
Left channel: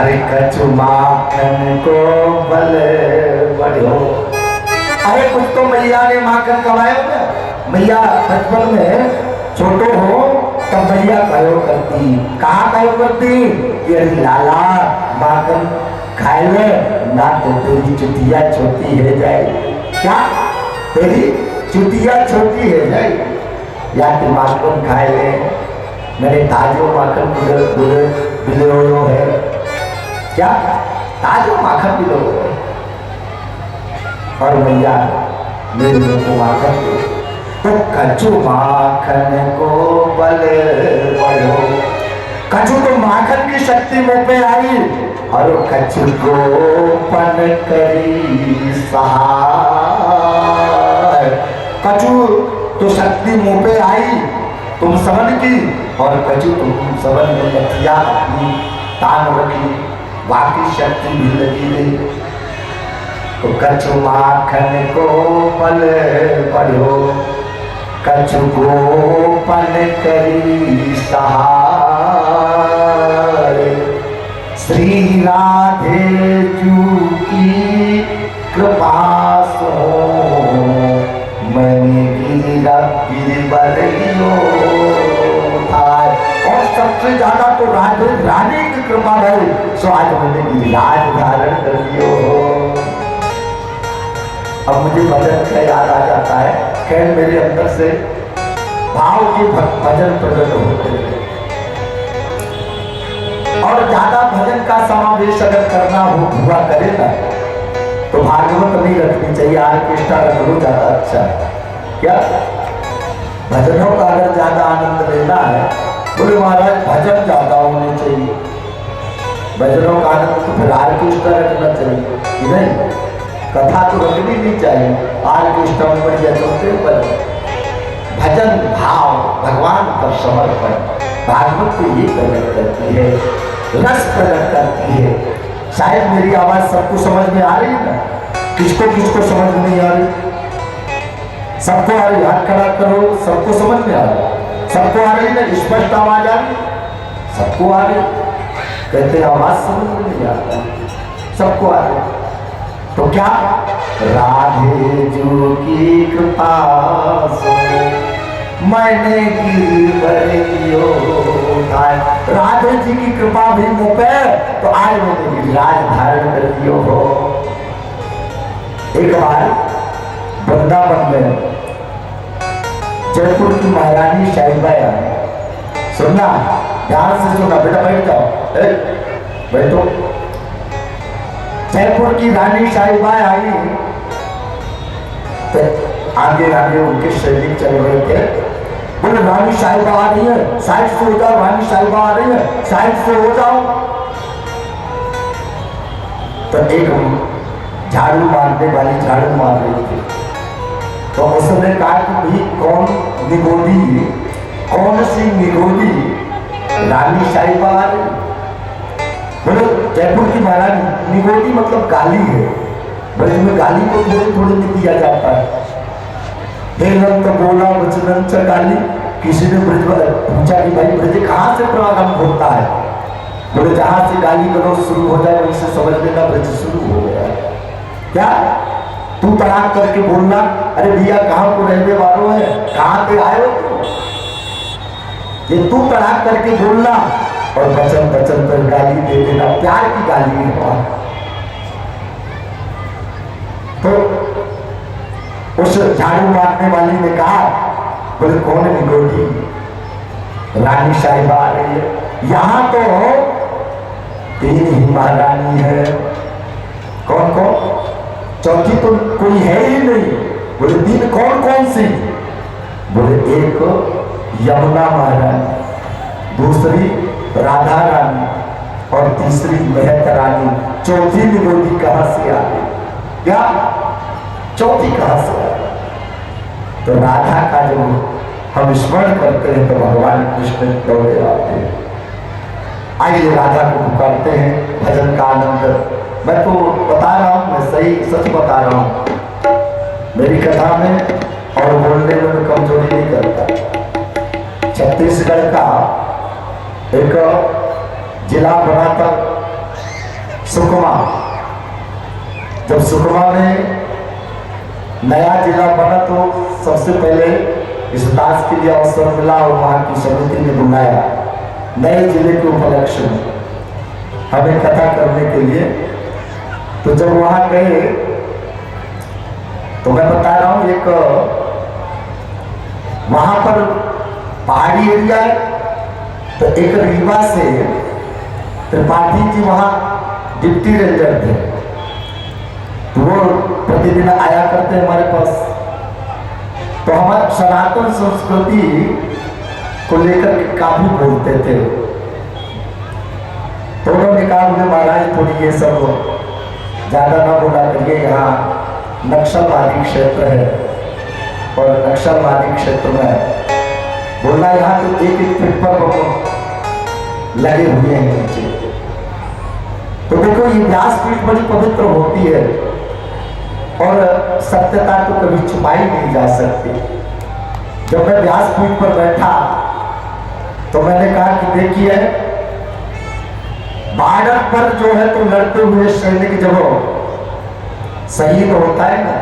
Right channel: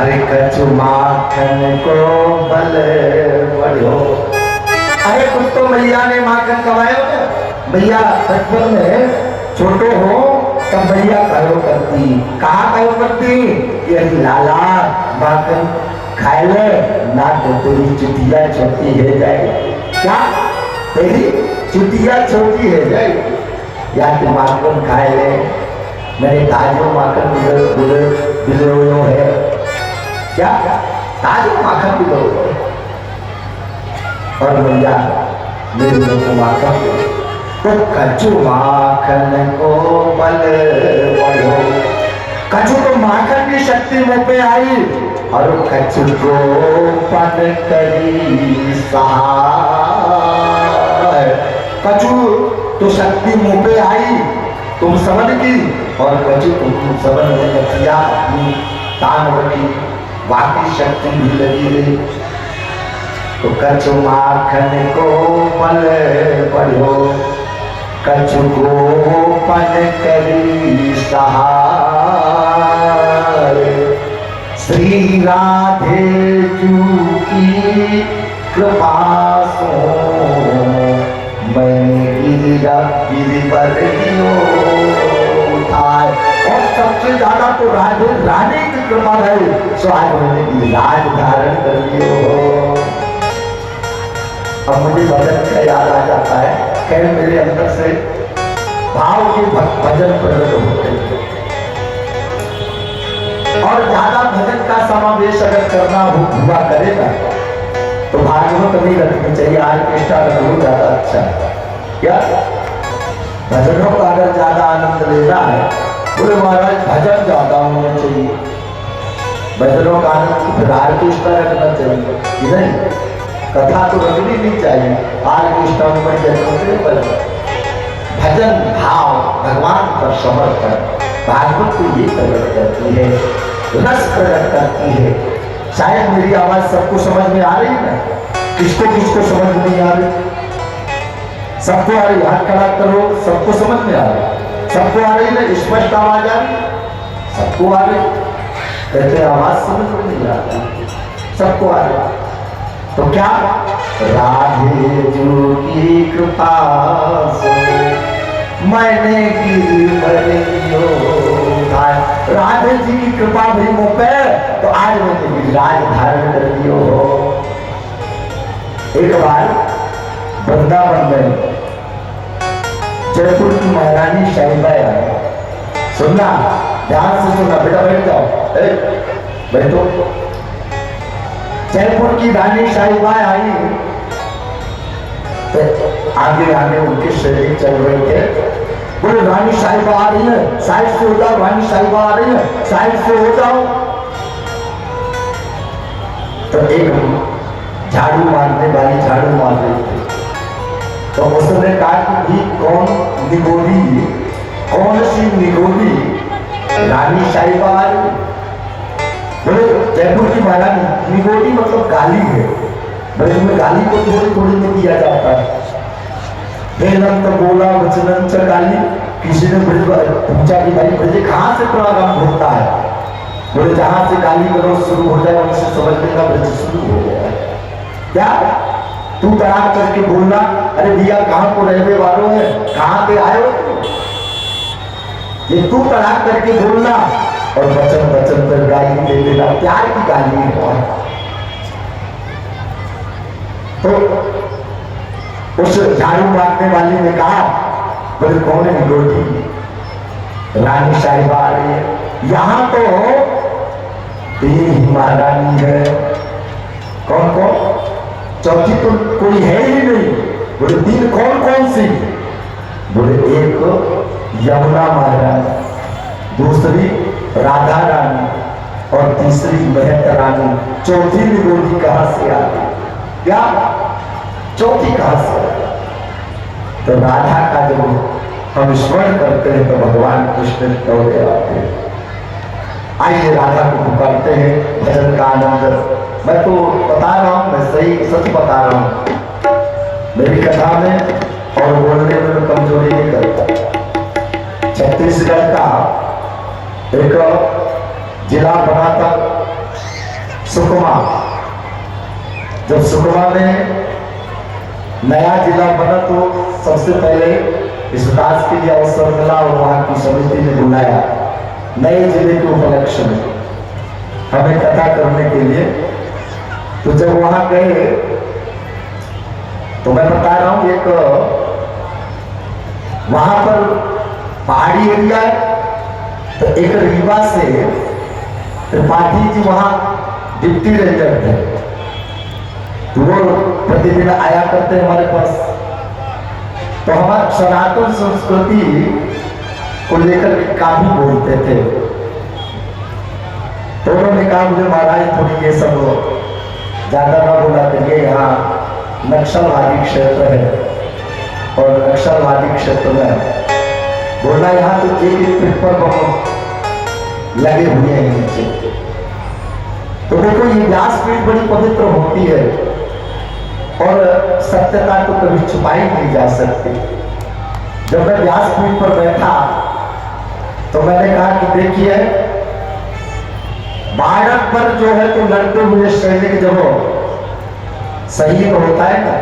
अरे कछु माखन को बल बढ़ो। अरे कुछ तो भैया ने माखन कमाया क्या? भैया बचपन में छोटो हो तब भैया कहो करती, कहा कहो करती, ये लाला माखन खाए ले ना, तो तेरी चुटिया छोटी है जाए। क्या तेरी चुतिया छोटी है नहीं या तो माखन खाए ले मैंने ताजो माखन बिलो है क्या ताजो माखन बिलो है और भैया मेरे मुंह को माखन दे तो कच्चू माखन को बल बढ़ो कच्चू तो माखन की शक्ति मुंह पे आई और कच्चू को पन करी सहाय कच्चू तो शक्ति मुंह पे आई तुम समझ की और कच्चू तुम समझ में किया अपनी तान रखी बाकी शक्ति भी लगी रही तो कच्चू माखन को पल बढ़ो कच्चू को पन करी सहाय श्री राधे जू की कृपा सो मैंने गिरिवर लियो उठाए और सबसे ज्यादा तो राधे रानी की कृपा है सो आज मैंने गिरिराज धारण कर लियो। अब मुझे भजन का याद आ जाता है खैर मेरे अंदर से भाव के भजन प्रकट होते हैं और ज्यादा भजन का समावेश अगर करना हुआ करेगा तो भागवत नहीं रखनी चाहिए आर्केस्ट्रा रख लो ज्यादा अच्छा है क्या भजनों का अगर ज्यादा आनंद लेना है बोले महाराज भजन ज्यादा होने चाहिए भजनों का आनंद तो फिर आर्केस्ट्रा रखना चाहिए नहीं कथा तो रखनी नहीं चाहिए आर्केस्ट्रा में बढ़िया चलते पर भजन भाव भगवान पर समर्पण भागवत को ये प्रकट करती है रस प्रकट करती है। शायद मेरी आवाज सबको समझ में आ रही है ना किसको समझ में नहीं आ रही सबको आ रही हाथ खड़ा करो सबको समझ में आ रही सबको आ रही ना स्पष्ट आवाज आ रही सबको आ रही कहते आवाज समझ में नहीं आती सबको आ रही तो क्या राधे जो की कृपा से मैंने गिरवर लियो उठाए राधे जी की कृपा भी मुँह पे तो आज मैंने गिरिराज धारण कर लियो हो। एक बार वृंदावन में जयपुर की महारानी शाहीबाई आई सुनना ध्यान से सुनना बेटा बैठ जाओ बैठो जयपुर की रानी शाहीबाई आई तो आगे आगे उनके सैनिक चल रहे थे बोले रानी साहिबा आ रही है साइड से हो जाओ रानी साहिबा आ रही है साइड से हो जाओ तो एक झाड़ू मारने वाली झाड़ू मार रही थी तो उसने कहा कि भाई कौन सी निगोरी रानी साहिबा आ रही बोले जयपुर की महारानी निगोरी मतलब गाली है ब्रज में गाली को थोड़ी थोड़ी में दिया जाता है हेलन तो बोला वचनन च गाली किसी ने ब्रज पूछा कि भाई ब्रज कहाँ से प्रारंभ होता है बोले जहाँ से गाली गलौज शुरू हो जाए वहीं से समझ लेना ब्रज शुरू हो गया क्या तू तड़ाक करके बोलना अरे भैया कहाँ को रहने वालों है कहाँ से आए हो तुम ये तू तड़ाक करके बोलना और वचन वचन पर गाली दे देना प्यार की गाली है तो उस झाड़ू मारने वाली ने कहा बोले कौन है निगोरी रानी साहिबा आ रही है यहाँ तो 3 ही महारानी है कौन चौथी तो कोई है ही नहीं बोले 3 कौन सी बोले एक यमुना महारानी दूसरी राधा रानी और तीसरी महक रानी चौथी निगोरी कहाँ से आ गई क्या चौथी कहां से तो राधा का जब हम स्मरण करते हैं तो भगवान कृष्ण दौड़े आते हैं। आइए राधा को पुकारते हैं भजन का आनंद मैं तो बता रहा हूँ मैं सही सच बता रहा हूँ मेरी कथा में और बोलने में तो कमजोरी नहीं करता। छत्तीसगढ़ का एक जिला बना था सुकमा जब सुकमा में नया जिला बना तो सबसे पहले इस राज के लिए अवसर मिला और वहाँ की समिति ने बुलाया नए जिले के उपलक्ष्य में हमें कथा करने के लिए तो जब वहाँ गए तो मैं बता रहा हूँ एक वहां पर पहाड़ी एरिया है, तो एक रीवा से त्रिपाठी जी वहां डिप्टी रेंजर थे, तो वो प्रतिदिन आया करते हमारे पास। तो हमारे सनातन संस्कृति को लेकर काफी बोलते थे। तो उन्होंने कहा मुझे महाराज थोड़ी ये सब ज्यादा ना बोला करिए, यहाँ नक्सलवादी क्षेत्र है और नक्सलवादी क्षेत्र में बोला यहाँ तो एक एक फीट पर बम लगे हुए हैं नीचे। तो देखो ये व्यासपीठ बड़ी पवित्र होती है और सत्यता को कभी छुपाई नहीं जा सकती। जब मैं व्यासपीठ पर बैठा तो मैंने कहा कि देखिए भारत पर जो है तो लड़ते हुए सैनिक जब शहीद होता है ना,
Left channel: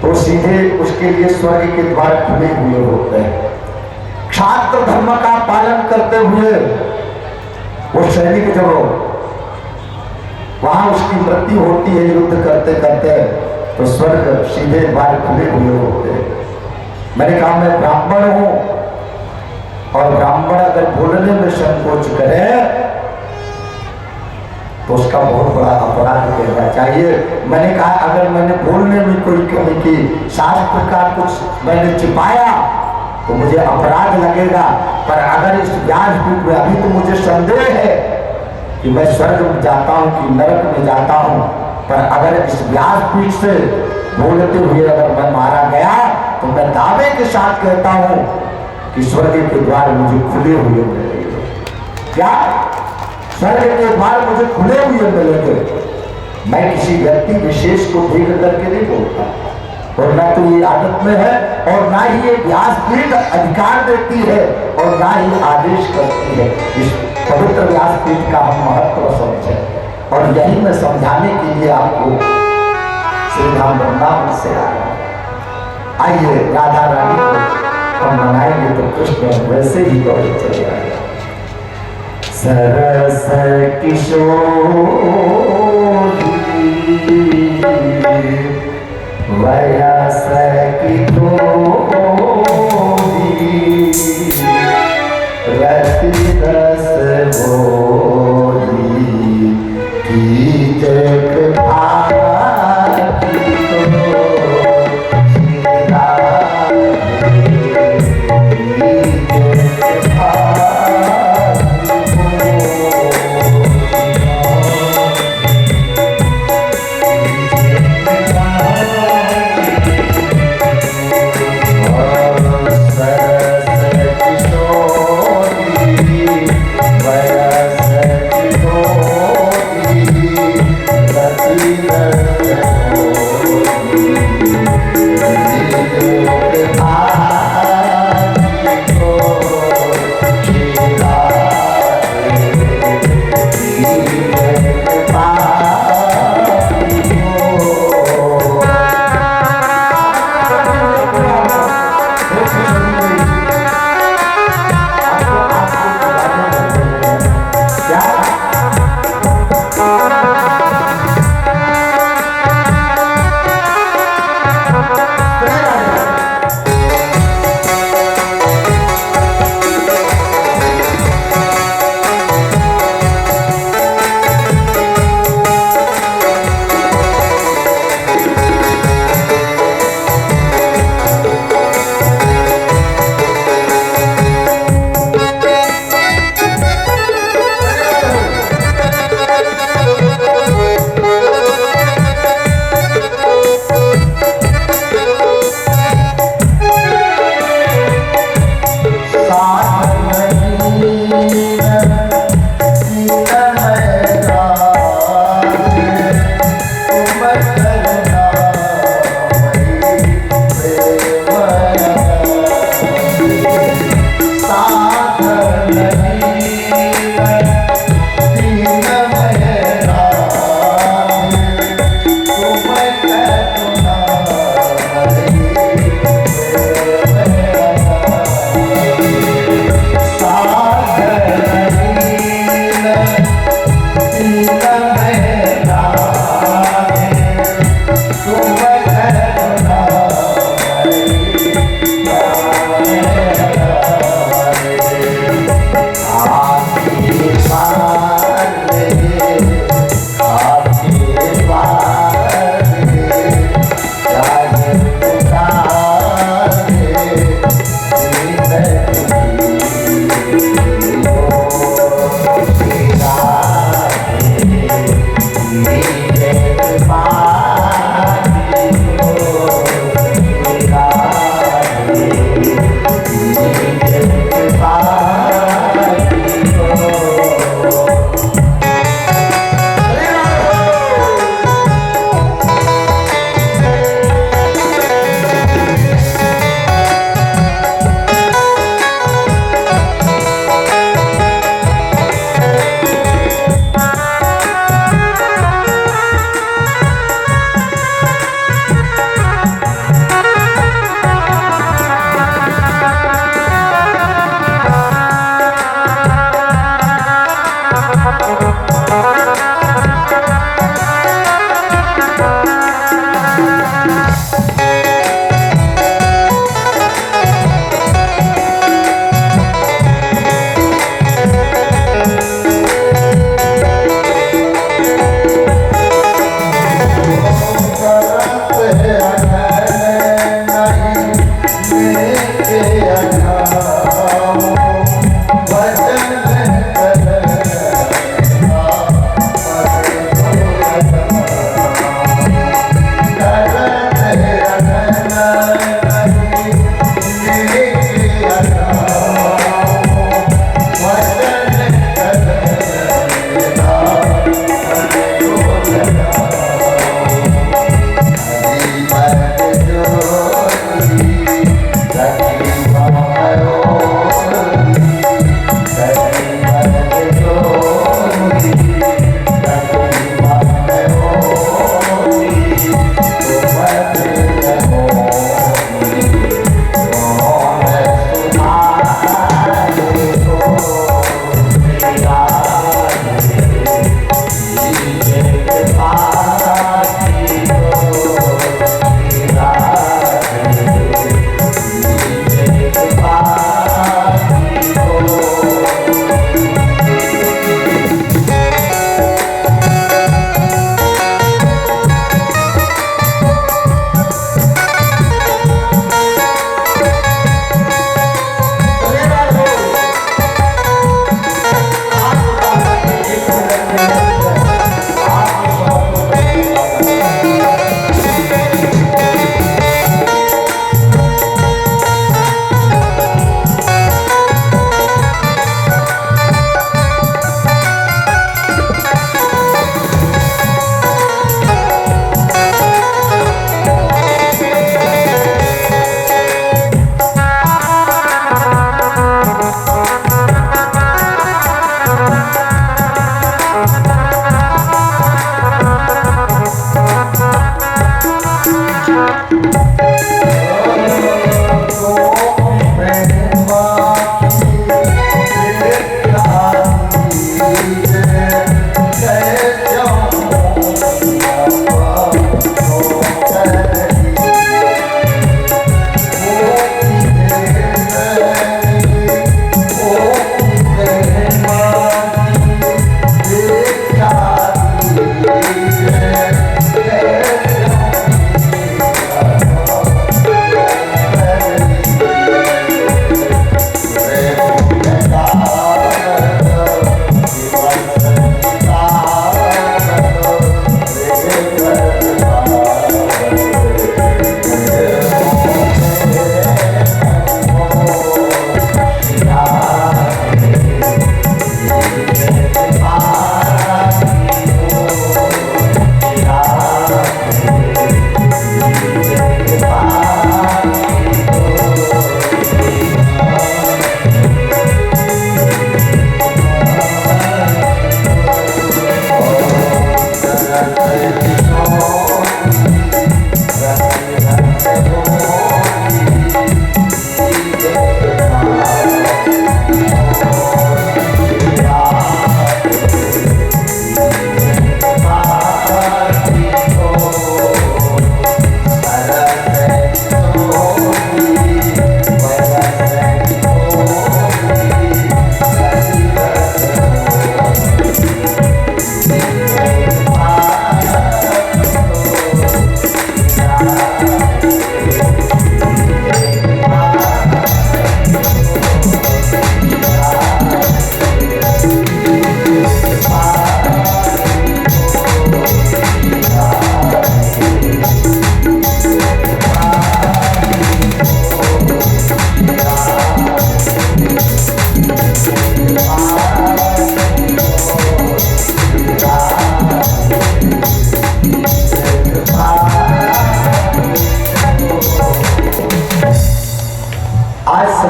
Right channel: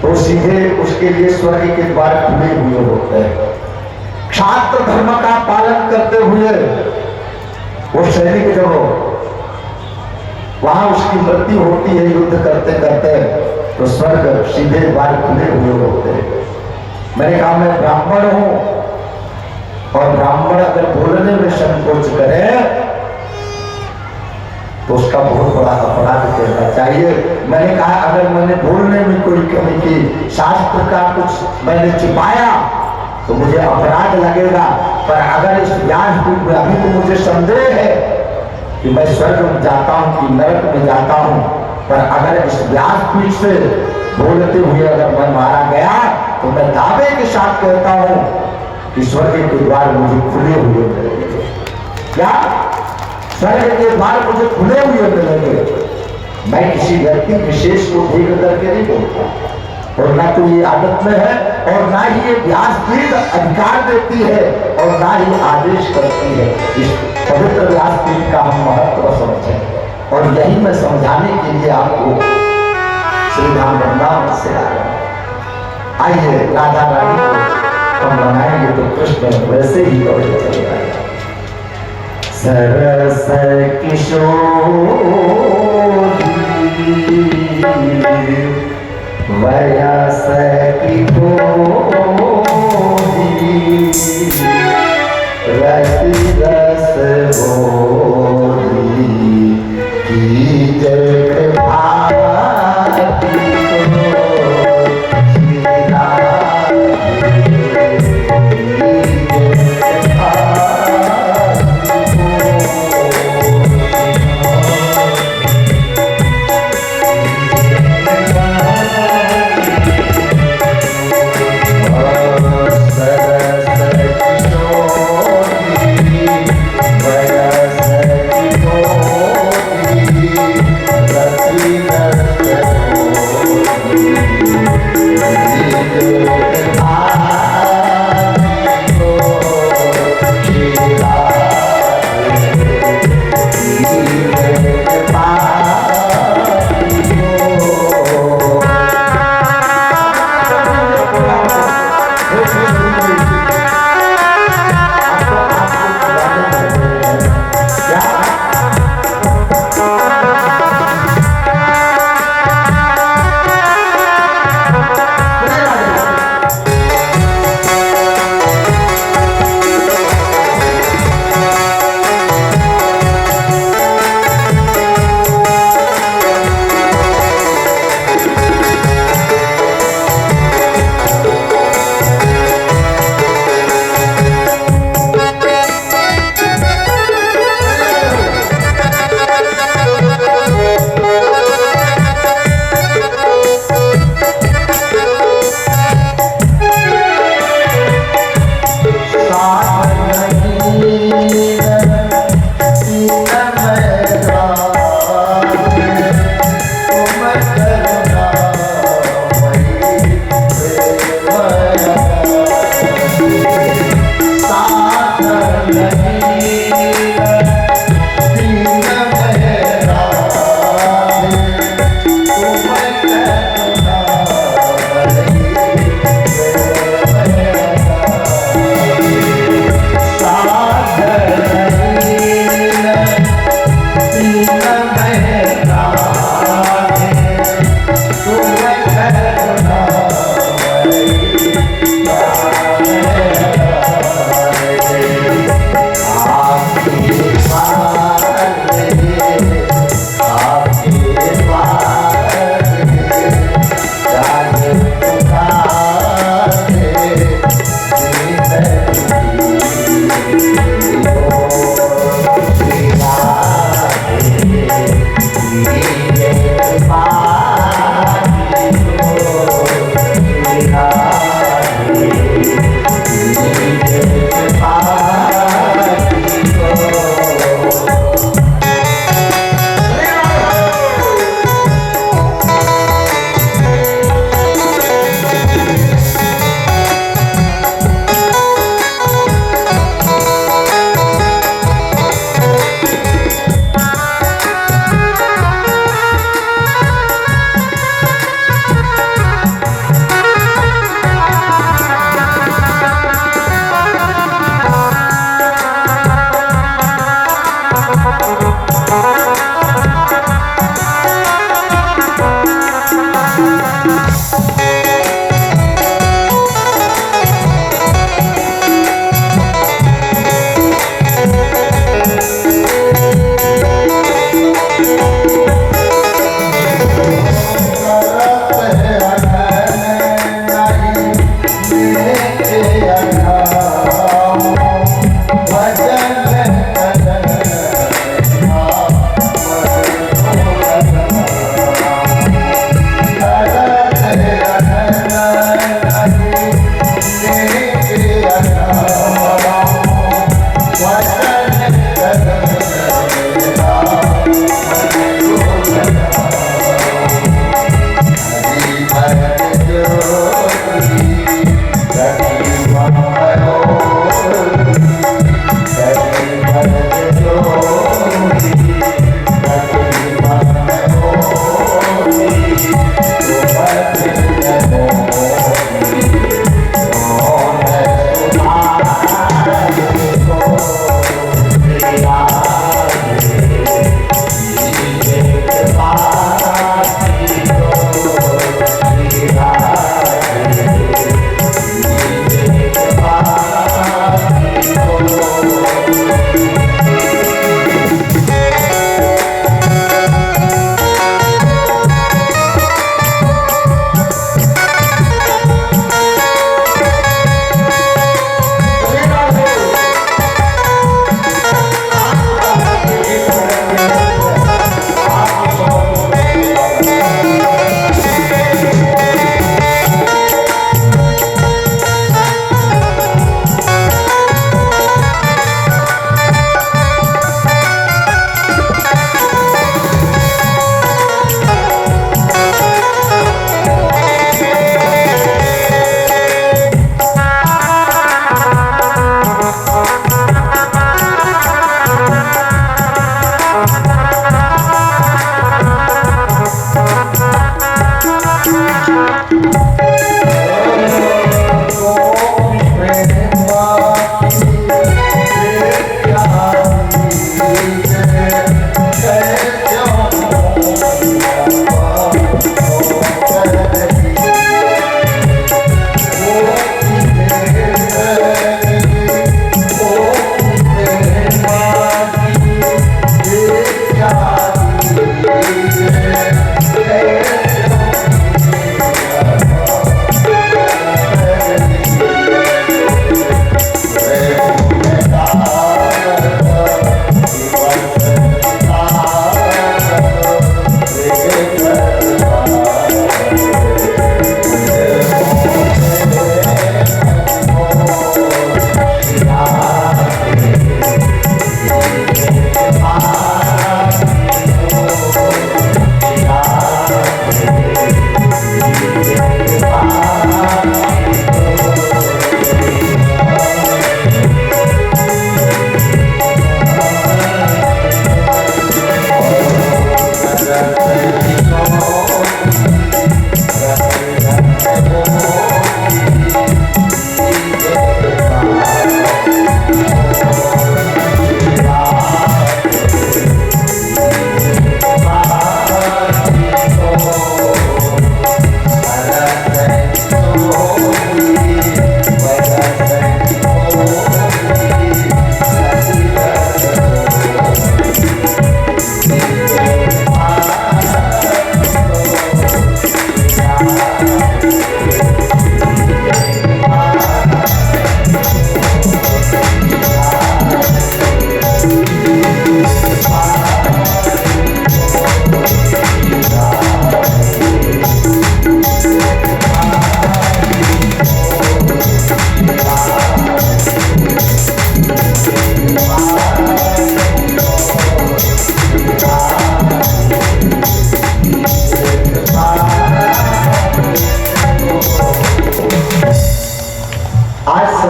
तो सीधे उसके लिए स्वर्ग के द्वार खुले हुए होते हैं। क्षात्र धर्म का पालन करते हुए वो सैनिक जब वहां उसकी मृत्यु होती है युद्ध करते करते, तो स्वर्ग सीधे द्वार खुले हुए होते हैं। मैंने कहा मैं ब्राह्मण हूं और ब्राह्मण अगर बोलने में संकोच करे तो उसका बहुत बड़ा अपराध करना चाहिए। मैंने कहा अगर मैंने बोलने में कोई कमी की, शास्त्र का कुछ मैंने छिपाया तो मुझे अपराध लगेगा, पर अगर इस व्यासपीठ में अभी तो मुझे संदेह है कि मैं स्वर्ग में जाता हूं कि नरक में जाता हूं, पर अगर इस व्यासपीठ से बोलते हुए अगर मैं मारा गया तो मैं दावे के साथ कहता हूं कि स्वर्ग के द्वार मुझे खुले हुए मिलेंगे। क्या स्वर्ग के द्वार मुझे खुले हुए मिलेंगे? मैं किसी व्यक्ति विशेष को देख करके नहीं बोलता, और ना तो ये आदत में है और ना ही ये व्यासपीठ अधिकार देती है और ना ही आदेश करती है। इस पवित्र व्यासपीठ का हम महत्व समझें, और यही मैं समझाने के लिए आपको श्री धाम वृंदावन से आया। आइए राधा रानी को हम बनाएंगे तो कृष्ण वैसे ही दौड़ चले आएगा। सरस किशोरी वयस की रति रस बोली की जय भाती को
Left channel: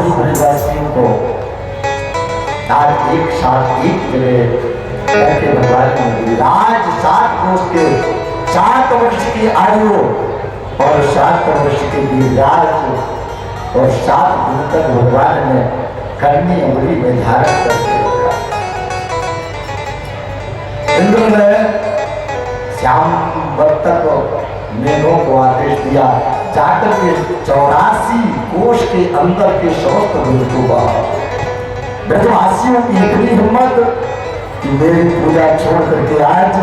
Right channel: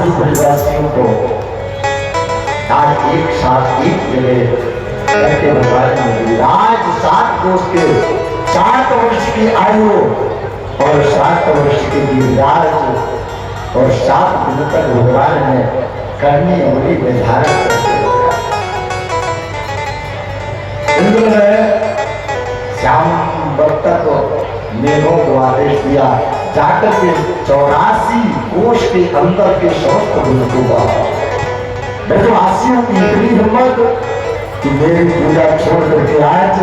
सारे परिवासियों को आज एक साथ एक जगह करके भगवान ने आज 7 कोष के 7 वर्ष की आयु और 7 वर्ष के गिरिराज और 7 दिन तक भगवान ने करनी उंगली में धारण करके रखा। इंद्र ने श्याम भक्त को मेघों को आदेश दिया, जाकर के 84 कोष के अंदर के समस्त भूत को बाहर। ब्रजवासियों की इतनी हिम्मत कि मेरी पूजा छोड़ करके आज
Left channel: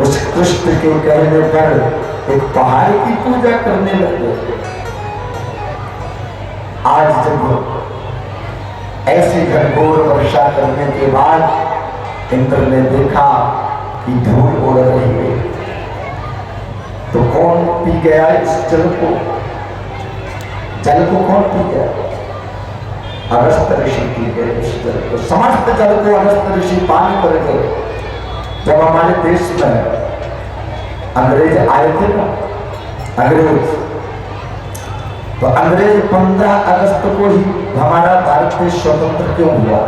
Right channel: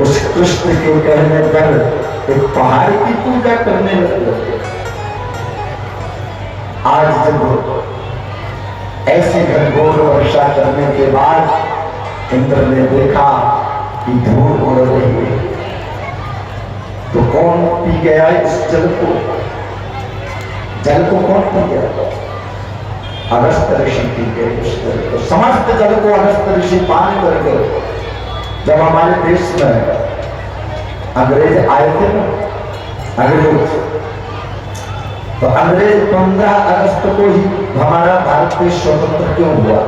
उस कृष्ण के कहने पर एक पहाड़ की पूजा करने लगे। आज जब ऐसी घनघोर वर्षा करने के बाद इंद्र ने देखा कि धूल उड़ रही है, तो कौन पी गया इस जल को? जल को कौन पी गया? अगस्त ऋषि पी गए उस जल को। समस्त जल को अगस्त ऋषि पान करके जब हमारे देश में अंग्रेज आए थे ना, अंग्रेज, तो अंग्रेज 15 अगस्त को ही हमारा भारत देश स्वतंत्र क्यों हुआ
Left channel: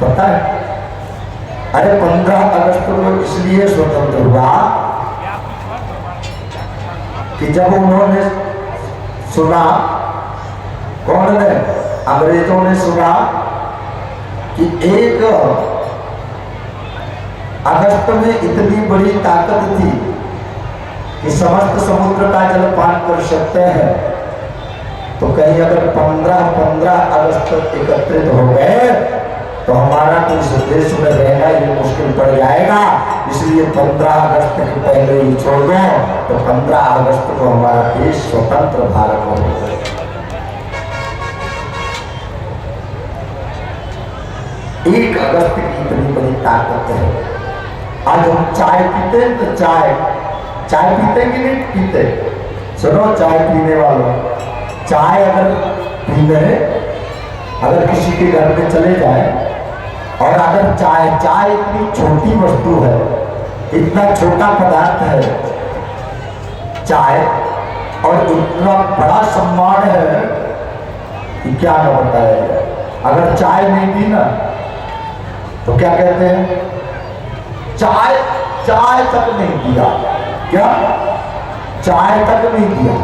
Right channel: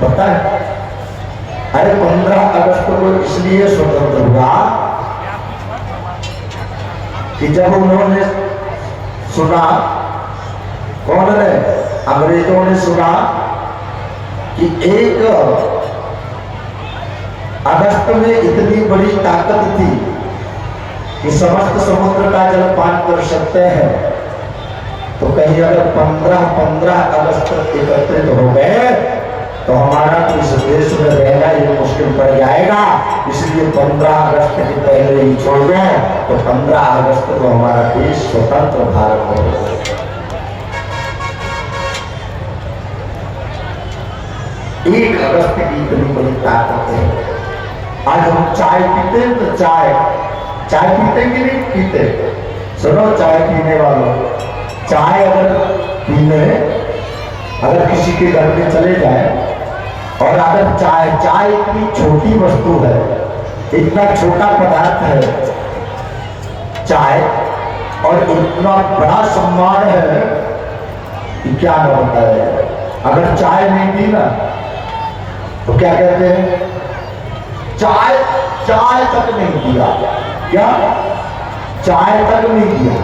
पता है? अरे 15 अगस्त को इसलिए स्वतंत्र हुआ कि जब उन्होंने सुना, कौन ने? अंग्रेजों ने सुना कि 1 अगस्त में इतनी बड़ी ताकत थी कि समस्त समुद्र का जल पान कर सकते हैं, तो कहीं अगर 15 अगस्त एकत्रित हो गए तो हमारा तो इस देश में रहना ये मुश्किल पड़ जाएगा, इसलिए 15 अगस्त के पहले ही छोड़ दो। तो 15 अगस्त को हमारा देश स्वतंत्र भारत हो गया। 1 अगस्त की इतनी बड़ी ताकत है। आज हम चाय पीते हैं तो चाय पीते कि नहीं पीते? सुनो चाय पीने वालों, चाय अगर पीने, अगर किसी के घर में चले जाए और अगर चाय इतनी छोटी वस्तु है, इतना छोटा पदार्थ है चाय, और इतना बड़ा सम्मान है कि क्या न बताया। अगर चाय नहीं पी ना तो क्या कहते हैं? चाय तक नहीं दिया। क्या? चाय तक नहीं दिया।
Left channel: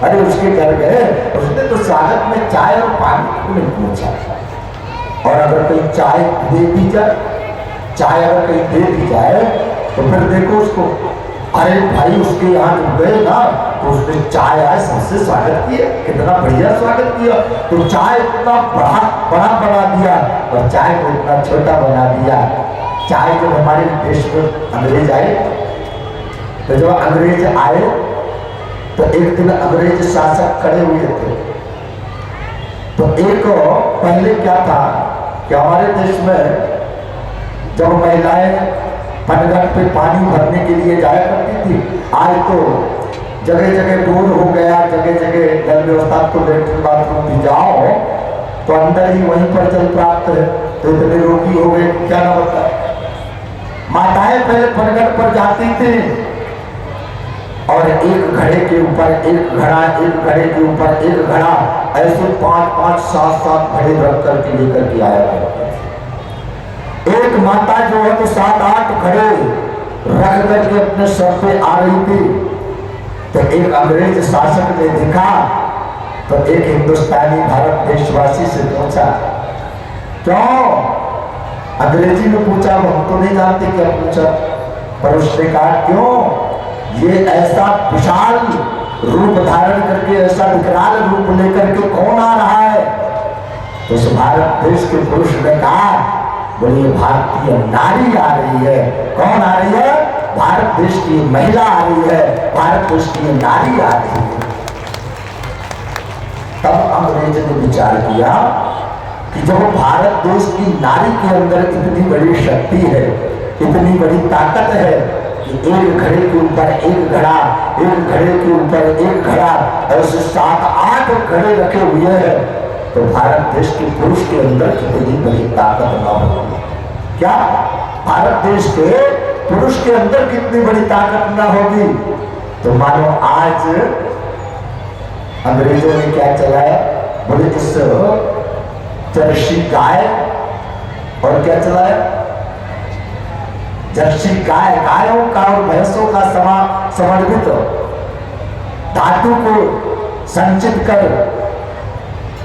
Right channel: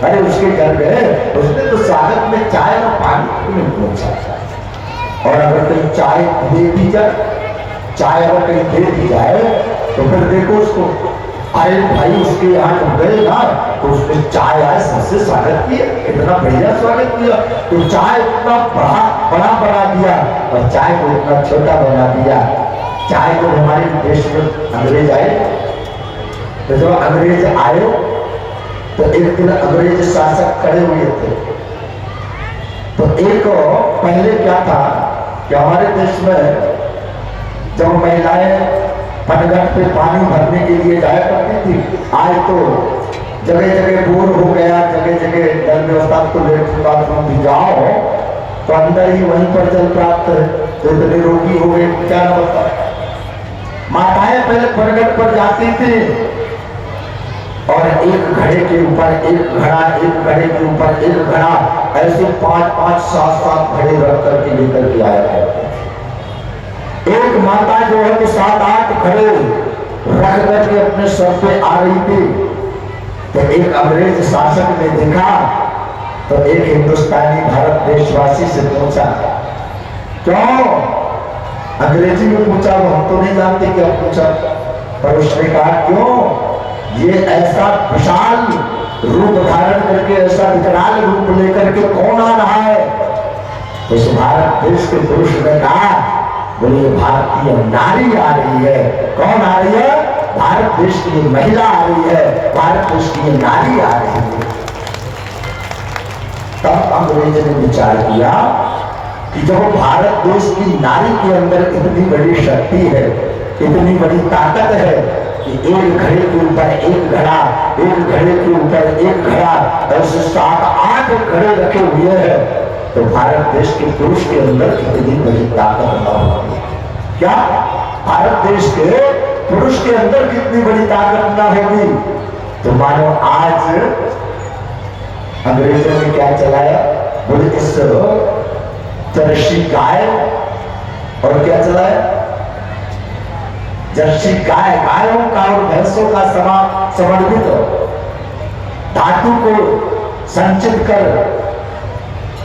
अरे उसके घर गए, उसने तो स्वागत में चाय और पानी तक नहीं पूछा। और अगर कहीं चाय दे दी जाए, चाय अगर कहीं दे दी जाए तो फिर देखो उसको, अरे भाई उसके यहाँ जब गए ना तो उसने चाय आए सबसे स्वागत किया, कितना बढ़िया स्वागत किया। तो चाय इतना बड़ा बना दिया और चाय को इतना छोटा बना दिया। चाय जब हमारे देश में अंग्रेज आए, तो जब अंग्रेज आए तो एक दिन अंग्रेज शासक खड़े हुए थे। तो एक पहले क्या था कि हमारे देश में जब महिलाएं पनघट पे पानी भरने के लिए जाया करती थी, आज तो जगह जगह बोर हो गया, जगह जगह जल व्यवस्था को लेटरिन बाथरूम भी जाओ तो अंदर ही वहीं पर जल प्राप्त है। तो इतने रोगी हो गए क्या ना बता। माताएं पहले पनघट पर जाती थी और एक घड़े के ऊपर एक घड़ा, एक घड़े के ऊपर एक घड़ा, ऐसे 5-5, 7-7 घड़े रख करके लेकर के आया करते। एक माता जो है तो 7-8 घड़े रख करके अपने सर पे आ रही थी। तो एक अंग्रेज शासक ने देखा तो एक हिंदुस्तानी भारत देशवासी से पूछा, क्यों? अंग्रेजी में पूछा, वो हम तो नहीं जानते क्या पूछा, पर उसने कहा क्यों? ये ऐसा विशाल रूप धारण करके, ऐसा विकराल रूप लेकर के कौन आ रहा है? तो उस भारत देश के पुरुष ने कहा, बोले भारतीय नारी आ रही है। कौन आ रही है? भारत देश की महिला आ रही है, भारत देश की नारी आ रही है। तब अंग्रेज ने विचार किया कि जब भारत देश की नारी के अंदर इतनी बड़ी शक्ति है, इतनी बड़ी ताकत है कि एक घड़े के ऊपर एक घड़ा, एक घड़े के ऊपर एक घड़ा, ऐसे 7-8 घड़े रखे हुए हैं, तो भारत देश के पुरुष के अंदर कितनी बड़ी ताकत न होगी? क्या भारत देश के पुरुष के अंदर कितनी बड़ी ताकत न होगी? तो मानो आज अंग्रेजों ने क्या चलाया? बोले इस जर्सी गाय और क्या चला है, जर्सी गाय, गायों का और भैंसों का समर्पित धातु को संचित कर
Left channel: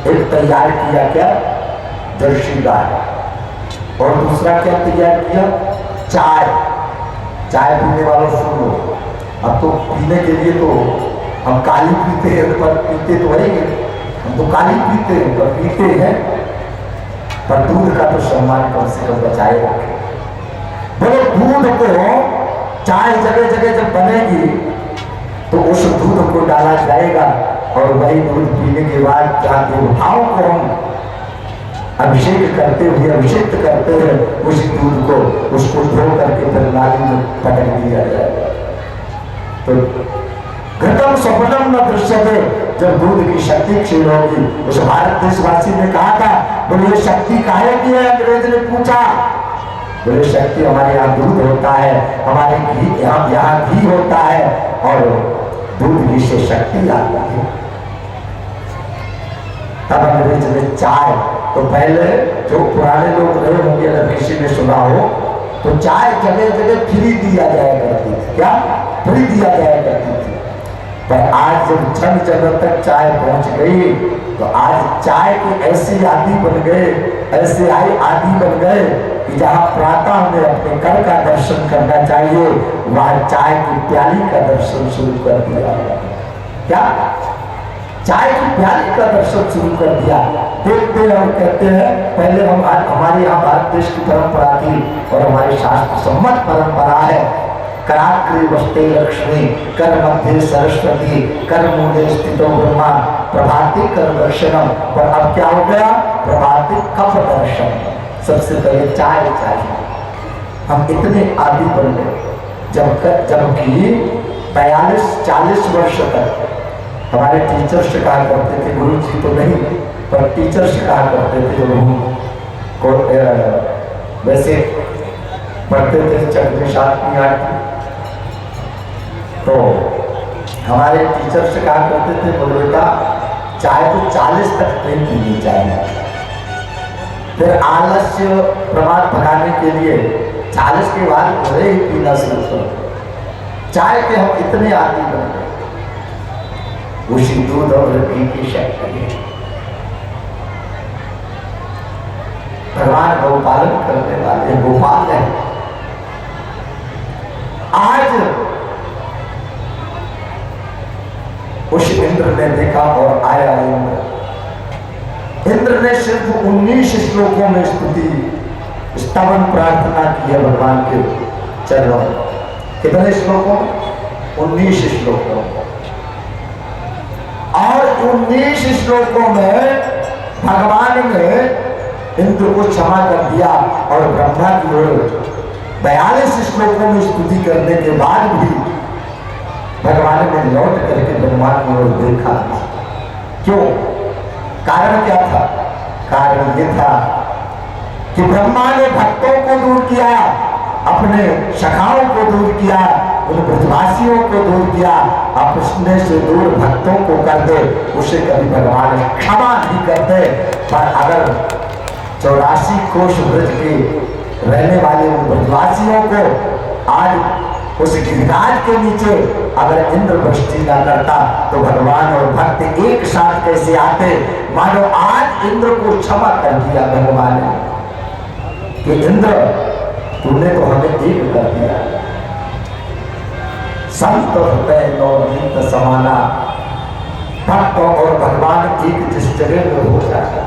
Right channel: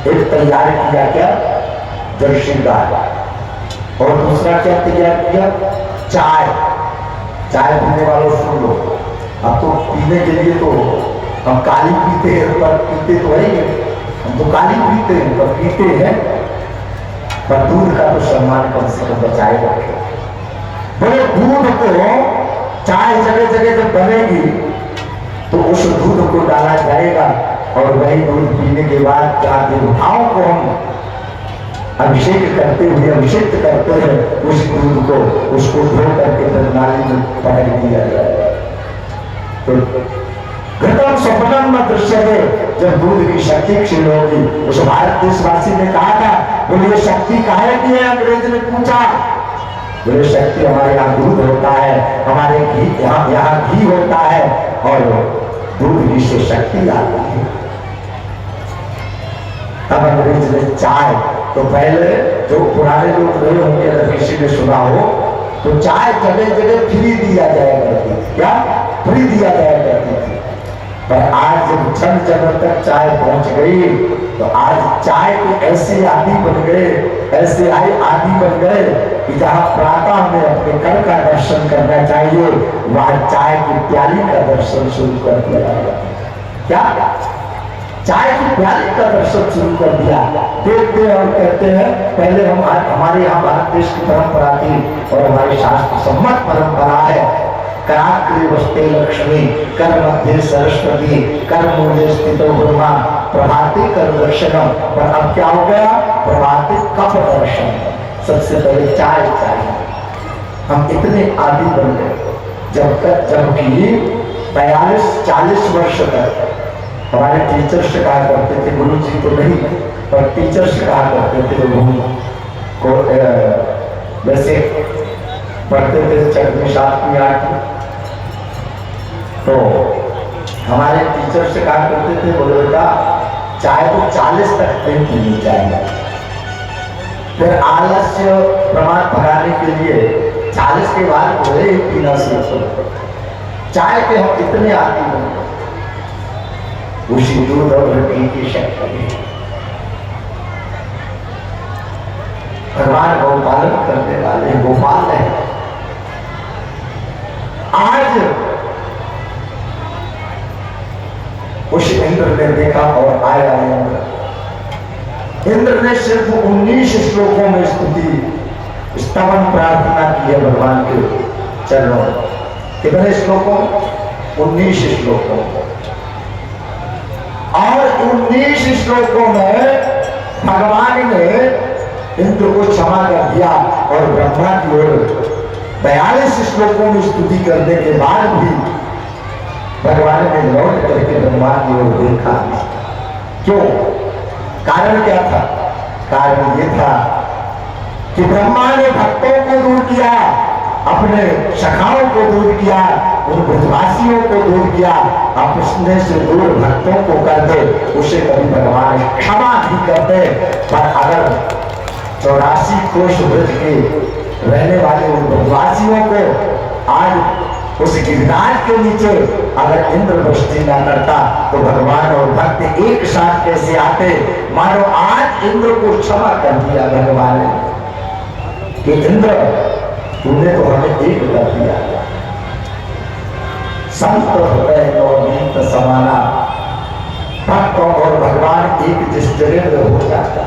एक तैयार किया, क्या, जर्सी गाय। और दूसरा क्या तैयार किया, चाय। चाय पीने वालों सुन लो, अब तो पीने के लिए तो हम काली पीते हैं, पर पीते तो है, हम तो काली पीते हैं, पर पीते हैं, पर दूध का तो सम्मान कम से कम बचाए रखे। बोले दूध को चाय जगह जगह जब बनेगी तो उस दूध को डाला जाएगा और वही दूध पीने के बाद देवताओं को हम अभिषेक करते हुए अभिषेक करते हैं, उस दूध को उसको धो करके फिर नाली में पटक दिया जाएगा। तो घटम स्वप्नम न दृश्य है, जब दूध की शक्ति क्षीण होगी। उस भारत देशवासी ने कहा था, बोले शक्ति काहे की है, अंग्रेज ने पूछा। बोले शक्ति हमारे यहाँ दूध होता है, हमारे घी यहाँ घी होता है और दूध घी से शक्ति आती है। तब अंग्रेज ने चाय, तो पहले जो पुराने लोग रहे होंगे अगर किसी ने सुना हो, तो चाय जगह जगह फ्री दिया जाया करती थी, क्या फ्री दिया जाया करती थी। पर आज जब जन जगह तक चाय पहुंच गई तो आज चाय के ऐसे आदि बन गए, ऐसे आदि बन गए कि जहां प्रातः में अपने घर का दर्शन करना चाहिए, वहां चाय की प्याली का दर्शन शुरू कर दिया। क्या, चाय की प्याली का दर्शन शुरू कर दिया। देखते हैं और कहते हैं, पहले हमारे यहाँ भारत देश की परंपरा थी और हमारी शास्त्र सम्मत परंपरा है, कराग्रे वस्ते लक्ष्मी, कर मध्य सरस्वती, कर मूले स्थितो ब्रह्मा, प्रभाते कर दर्शनम। पर अब क्या हो गया, प्रभाते कप दर्शन। सबसे पहले चाय चाहिए, हम इतने आदि बन गए। जबकि 42-40 वर्ष तक हमारे टीचर्स कहा करते थे, गुरु जी तो नहीं पर टीचर्स कहा करते थे, को वैसे पढ़ते थे 6वीं 7वीं 8वीं, तो हमारे टीचर्स कहा करते थे, बोले बेटा चाय तो 40 तक नहीं पीनी चाहिए। फिर आलस्य प्रमाण भगाने के लिए 40 के बाद भले ही पीना शुरू करो। चाय के हम इतने आदि बन गए, उसी दूध और रोटी की शक्ति है। भगवान गौपालन करने वाले गोपाल है। आज उस इंद्र ने देखा और आया इंद्र ने सिर्फ 19 श्लोकों में स्तुति स्तवन प्रार्थना की है भगवान के चरणों। कितने श्लोकों में, 19 श्लोकों में। और 19 श्लोकों में भगवान ने इंद्र को क्षमा कर दिया और ब्रह्मा की ओर 42 श्लोकों में स्तुति करने के बाद भी भगवान ने लौट करके ब्रह्मा की ओर देखा। क्यों, कारण क्या था, कारण ये था कि ब्रह्मा ने भक्तों को दूर किया, अपने सखाओं को दूर किया, उन ब्रजवासियों को दूर किया। अपने से दूर भक्तों को कर दे, उसे कभी भगवान क्षमा नहीं करते। पर अगर 84 कोष ब्रज के रहने वाले उन ब्रजवासियों को आज उस गिरिराज के नीचे अगर इंद्र वृष्टि न करता तो भगवान और भक्त एक साथ कैसे आते। मानो आज इंद्र को क्षमा कर दिया भगवान ने कि इंद्र तूने तो हमें एक कर दिया। संत हृदय नवनीत समाना, भक्त और भगवान एक जिस जगह में हो जाता।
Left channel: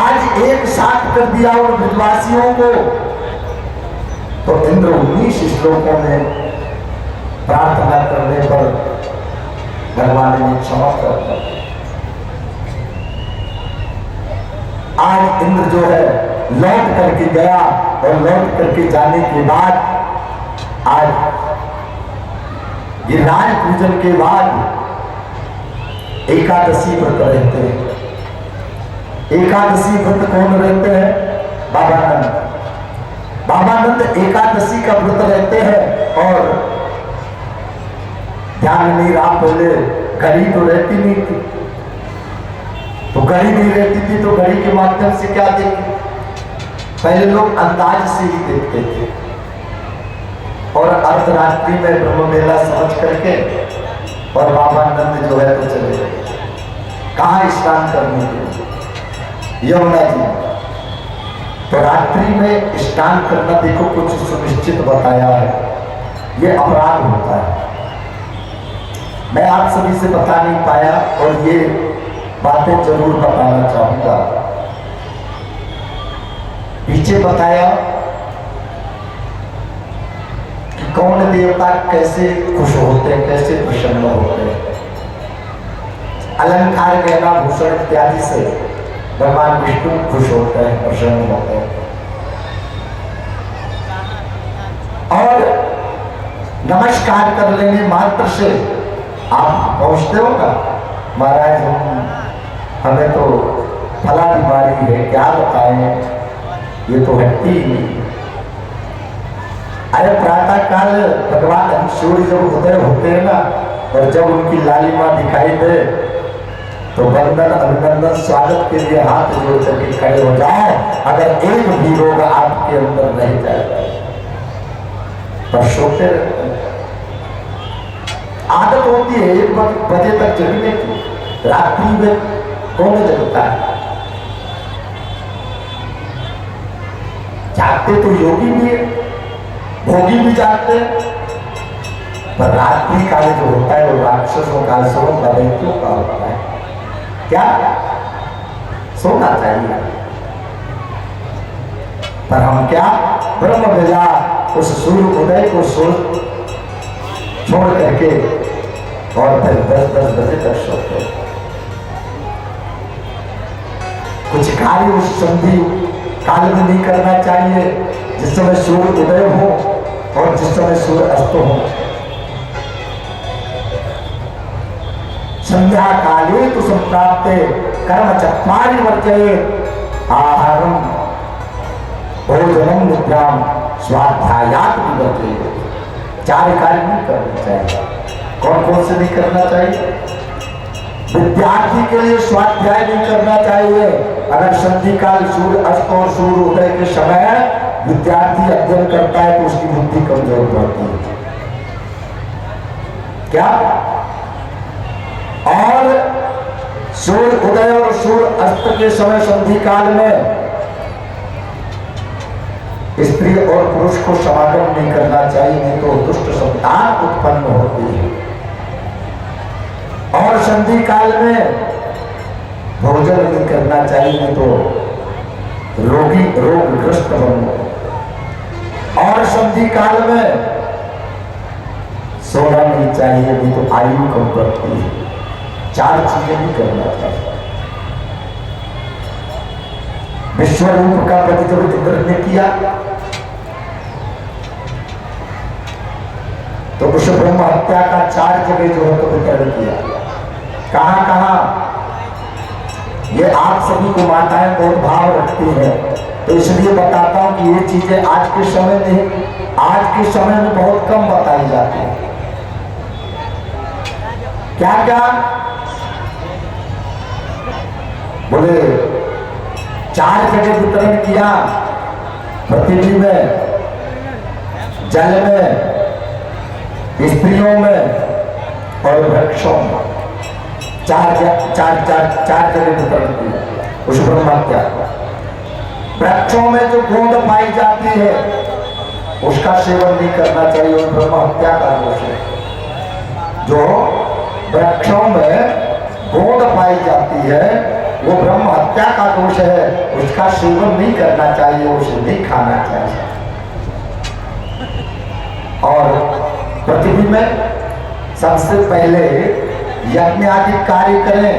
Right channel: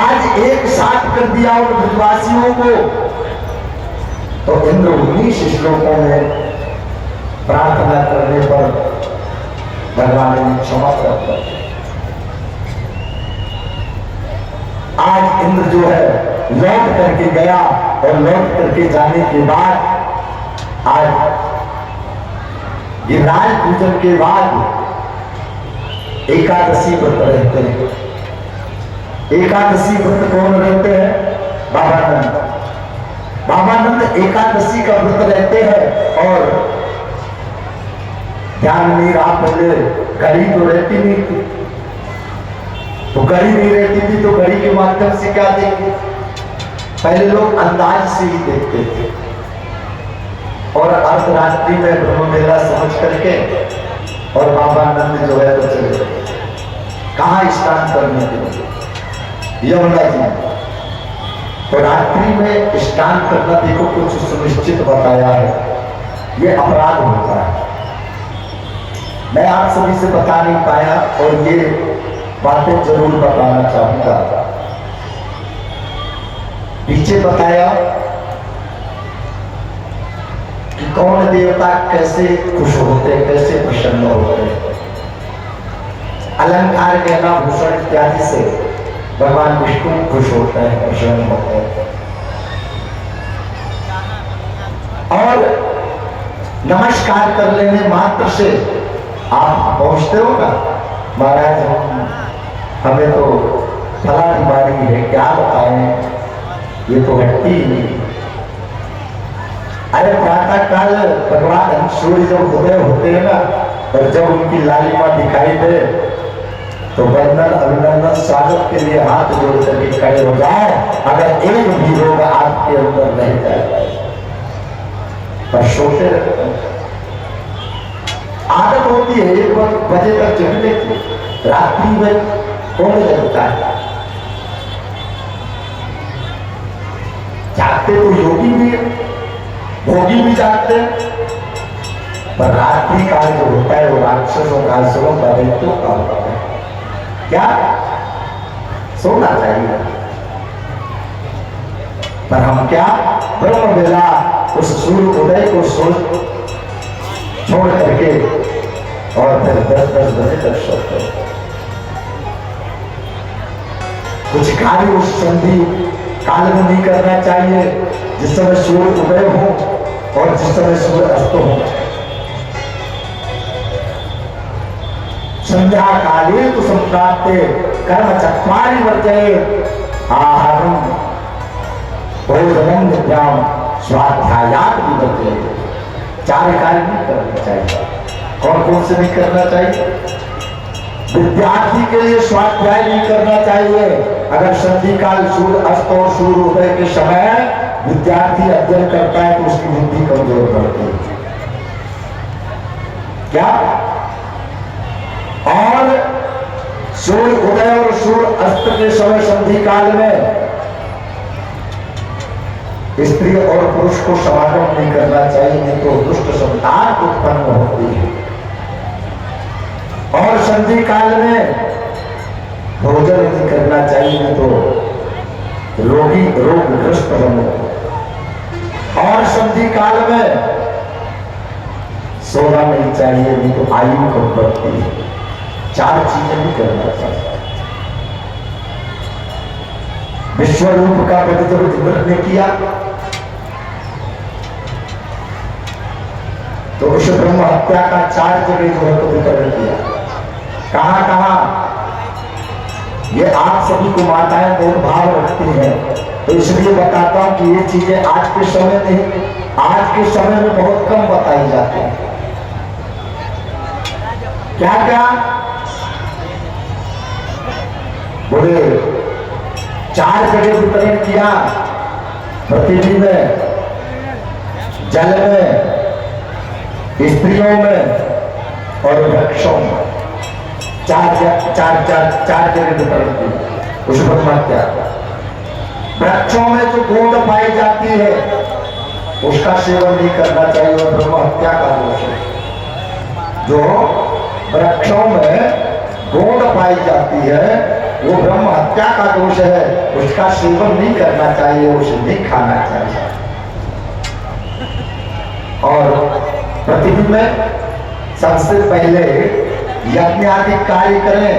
आज एक साथ कर दिया उन ब्रजवासियों को, तो इंद्र 19 श्लोकों में प्रार्थना करने पर भगवान ने क्षमा कर दिया। आज इंद्र जो है लौट करके गया और लौट करके जाने के बाद आज गिरिराज पूजन के बाद एकादशी व्रत रहते हैं। एकादशी व्रत कौन रहते हैं, बाबानंद। बाबानंद एकादशी का व्रत रहते हैं और ध्यान नहीं रहा, पहले घड़ी तो रहती नहीं थी, तो घड़ी नहीं रहती थी तो घड़ी के माध्यम से क्या देखें? पहले लोग अंदाज से ही देखते थे और अर्धरात्रि में ब्रह्म मेला समझ करके और बाबा नंद जो है तो चले गए। कहाँ स्नान करने के लिए? यमुना जी। तो रात्रि में स्नान करना देखो कुछ सुनिश्चित बताया है, ये अपराध होता है। मैं आप सभी से बता नहीं पाया और ये बातें जरूर बताना चाहूंगा। पीछे बताया कि कौन देवता कैसे खुश होते हैं, कैसे प्रसन्न होते हैं। अलंकार गहना भूषण इत्यादि से भगवान विष्णु खुश होते हैं, प्रसन्न होते हैं। और नमस्कार कर लेने मात्र से आप पहुंचते हो का महाराज हमें तो फला बीमारी है, क्या बताएं, ये तो हटती ही नहीं। अरे प्रातः काल भगवान सूर्य जब उदय होते हैं ना और जब उनकी लालिमा दिखाई दे तो वंदन अभिनंदन स्वागत के लिए हाथ जोड़ करके खड़े हो जाए। अगर एक भी रोग आपके अंदर रह जाए तो सोते रहते हैं। आदत होती है 1 बजे तक जगने की, रात्रि में कौन जगता है? जागते तो योगी भी, भोगी भी जागते, पर रात्रि काल जो होता है वो राक्षसों का, असुरों का, दैत्यों का होता है। क्या सोना चाहिए, पर हम क्या ब्रह्म वेला उस सूर्य उदय को छोड़ करके और फिर 10-10 बजे तक सोते। कुछ कार्य उस संधि काल में नहीं करना चाहिए जिस समय सूर्य उदय हो और जिस समय सूर्य अस्त हो। संध्या काले तो संप्राप्ते कर्म चत्वारि वर्जये आहारम भोजनम निद्राम स्वाध्यायात विवर्जये। 4 कार्य नहीं करना चाहिए। कौन कौन से नहीं करना चाहिए? विद्यार्थी के लिए स्वाध्याय नहीं करना चाहिए। अगर संधि काल सूर्य अस्त और सूर्य उदय के समय विद्यार्थी अध्ययन करता है तो उसकी बुद्धि कमजोर पड़ती है। क्या? और सूर्य उदय और सूर्य अस्त के समय संधि काल में स्त्री और पुरुष को समागम नहीं करना चाहिए, नहीं तो दुष्ट संतान उत्पन्न होती है। और संधि काल में भोजन नहीं करना चाहिए, नहीं तो रोगग्रस्त बनते। और संधि काल में सोना नहीं चाहिए, नहीं तो आयु कम बढ़ती है। 4 चीजें भी करना चाहिए। विश्व रूप का पद जब इंद्र ने किया तो उस ब्रह्म हत्या का 4 जगह जो है तो वितरण किया। कहां कहां? ये आप सभी को माताएं बहुत भाव रखती हैं, तो इसलिए बताता हूं कि ये चीजें आज के समय में, आज के समय में बहुत कम बताई जाती है। क्या क्या बोले? 4 जगह वितरण किया, पृथ्वी में, जल में, स्त्रियों में और वृक्षों में। 4 जगह वितरण किया उस ब्रह्म हत्या। वृक्षों में जो गोंद पाई जाती है उसका सेवन नहीं करना चाहिए और ब्रह्म हत्या का दोष है। जो वृक्षों में गोंद पाई जाती है वो ब्रह्म हत्या का दोष है, उसका सेवन नहीं करना चाहिए, उसे नहीं खाना चाहिए। और पृथ्वी में सबसे पहले यज्ञ आदि कार्य करें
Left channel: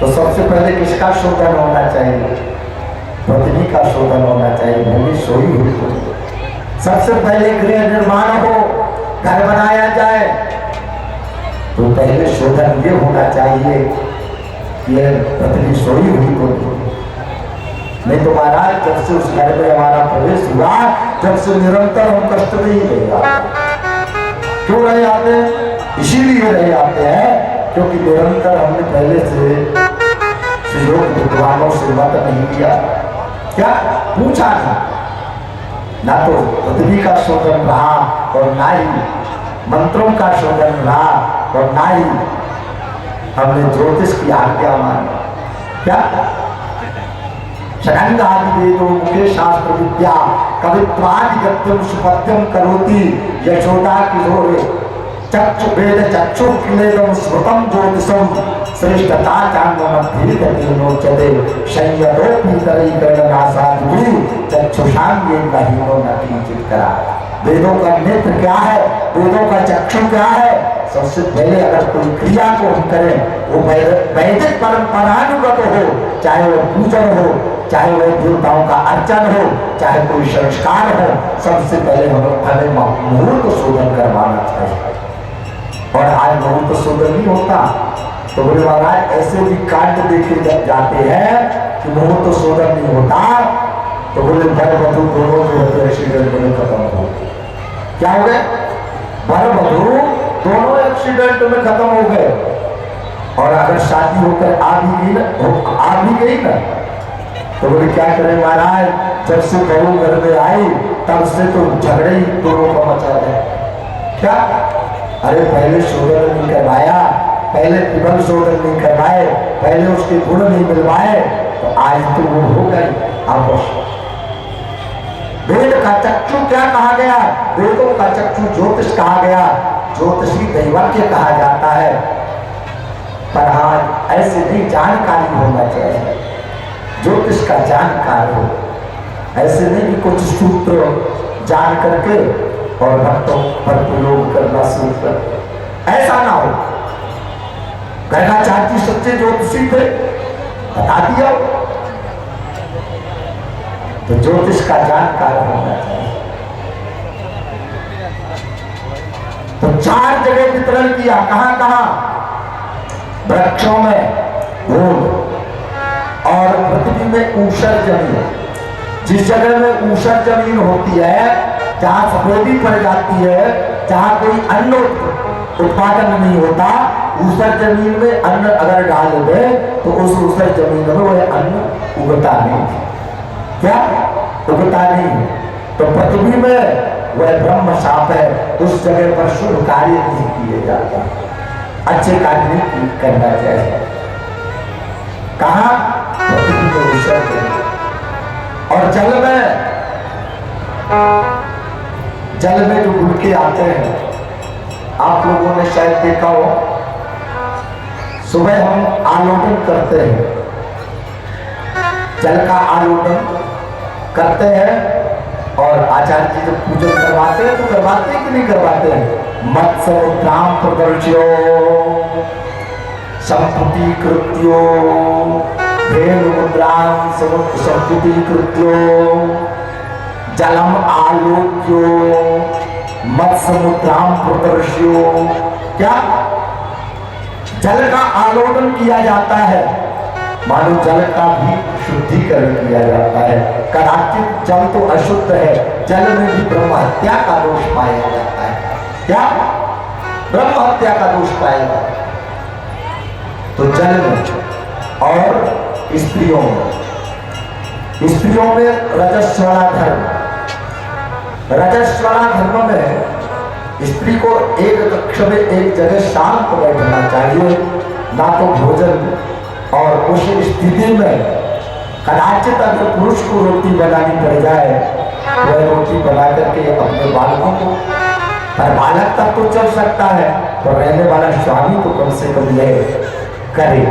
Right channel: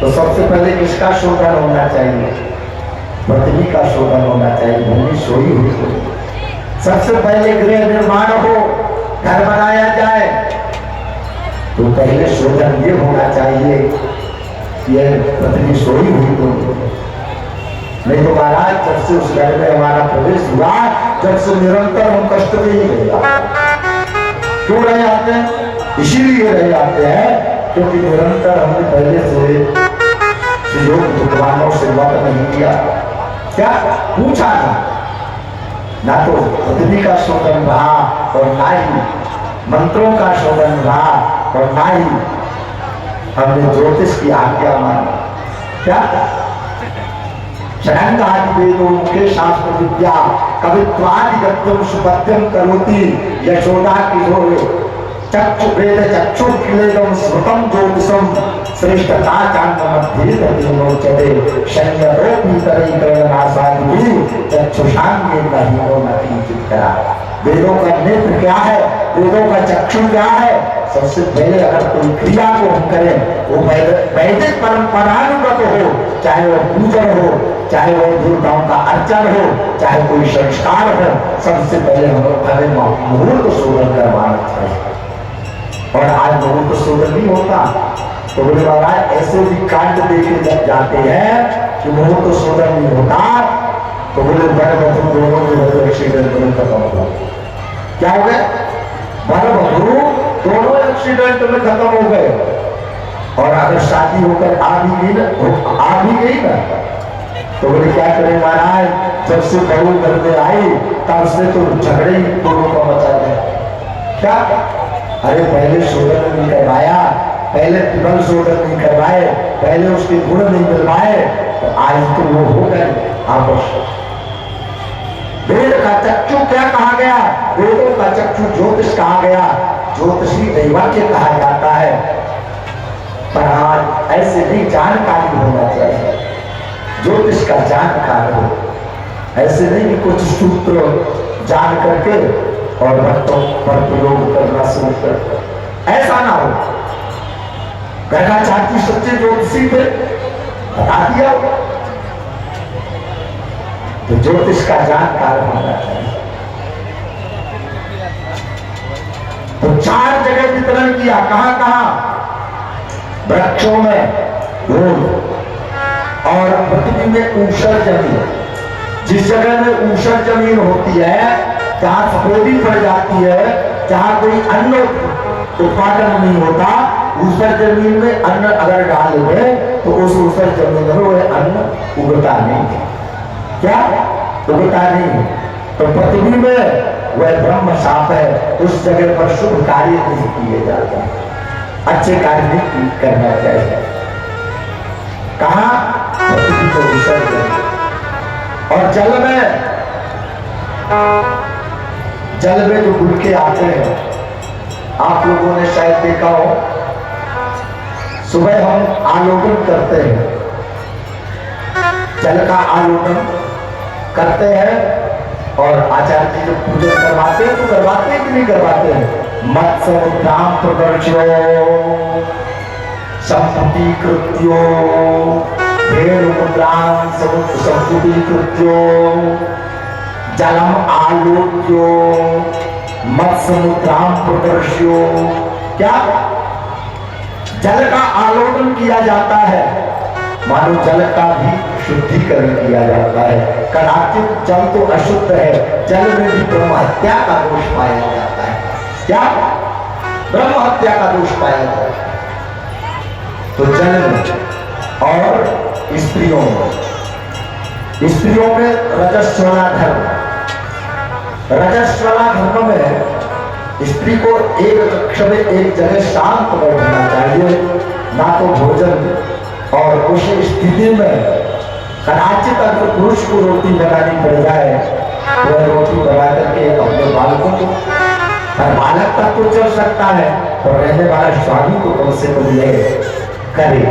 तो सबसे पहले किसका शोधन होना चाहिए? पृथ्वी का शोधन होना चाहिए। भूमि सोई हुई तो सबसे पहले गृह निर्माण हो, घर बनाया जाए तो पहले शोधन ये होना चाहिए कि पृथ्वी सोई हुई तो नहीं तो महाराज जब से उस घर में हमारा प्रवेश हुआ जब से निरंतर हम कष्ट में ही रह जाते। क्यों रह जाते हैं? इसीलिए रह जाते हैं क्योंकि निरंतर हमने पहले से सहयोग भगवानों से मत नहीं किया, क्या पूछा नहीं, ना तो पृथ्वी का शोधन रहा और ना ही मंत्रों का शोधन रहा और ना ही हमने ज्योतिष की आज्ञा मानी। क्या षडंग आदि वेदों मुखे शास्त्र विद्या कवित्वादिगत्यम सुपथ्यम करोति यशोदा किशोर चक्षु वेद चक्षु किलेदम स्मृतम ज्योतिषम श्रेष्ठता चांग मध्य गतिनोच्यते संयतो पीतरीकरणनासादि चक्षुषांगे नहीनो न किंचित करा। वेदों का नेत्र क्या है, वेदों का चक्षु क्या है? सबसे पहले अगर कोई क्रिया को हम करें वो वैदिक परंपरानुगत हो, चाहे वह पूजन हो, चाहे वह देवताओं का अर्चन हो, चाहे कोई संस्कार हो, सबसे पहले हमें मुहूर्त शोधन करवाना चाहिए। और आज मुहूर्त शोधन नहीं होता तो बोले महाराज ऐसे भी कांड देखे जाते हैं कि मुहूर्त शोधन नहीं होता तो बोले वर वधू दोनों एक्सीडेंट में खत्म हो। क्या हो गए? वर वधू दोनों एक्सीडेंट में खत्म हो गए। और अगर शादी होकर आ भी गई ना तो बोले क्या करें महाराज, जब से बहू घर में आई तब से तो झगड़े ही दोनों का मचा गया। क्या? अरे पहले शोधन नहीं करवाया, पहले विबल शोधन नहीं करवाए, पहले उसके गुण नहीं मिलवाए तो आज तो वो हो गए आपस। वेद का चक्षु क्या कहा गया? वेदों का चक्षु ज्योतिष कहा गया, ज्योतिषी दैवज्ञ कहा जाता है। पर हाँ ऐसे नहीं जानकारी होना चाहिए, ज्योतिष का जानकार हो, ऐसे नहीं कि कुछ सूत्र जान करके और भक्तों पर प्रयोग करना शुरू कर, ऐसा ना हो। कहना चाहती सच्चे ज्योतिषी पे बता दिया तो ज्योतिष का जानकार होना चाहिए। तो 4 जगह वितरण किया, कहां कहां? वृक्षों में धूल और पृथ्वी में ऊषर जमीन। जिस जगह में ऊषर जमीन होती है, जहां सफेदी पड़ जाती है, जहां कोई अन्न उत्पादन नहीं होता, ऊषर जमीन में अन्न अगर डाल दे तो उस ऊषर जमीन में वह अन्न उगता नहीं। क्या? उगता नहीं। तो पृथ्वी में वह ब्रह्म शाप है, उस जगह पर शुभ कार्य नहीं किए जाते, अच्छे कार्य नहीं करना चाहिए। कहा? पृथ्वी को ऊषर जमीन। और जल में जो गुड़के आते हैं, आप लोगों ने शायद देखा हो, सुबह हम आलोकन करते हैं, जल का आलोकन करते हैं और आचार्य जी जब पूजन करवाते हैं तो करवाते हैं कि नहीं करवाते हैं? मत्समुद्राम प्रदर्श्यो संपुटीकृत्यो धेनुमुद्राम संपुटीकृत्यो जलम आलोक्यो मत्समुद्राम प्रदर्श्यो। क्या? जल का आलोकन किया जाता है, मानो जल का भी शुद्धिकरण किया जाता है। कदाचित जल तो अशुद्ध है, जल में भी ब्रह्म हत्या का दोष पाया जाता है। क्या? ब्रह्म हत्या का दोष पाया जाता है। तो जल में और स्त्रियों में रजस्वला धर्म, रजस्वला धर्म में स्त्री को एक कक्ष में एक जगह शांत बैठना चाहिए, ना तो भोजन। और उस स्थिति में कदाचित अगर पुरुष को रोटी बनानी पड़ जाए तो वह रोटी बना करके अपने बालकों को, बालक का तो चल सकता है तो रहने वाला स्वामी को कम से कम यह करे।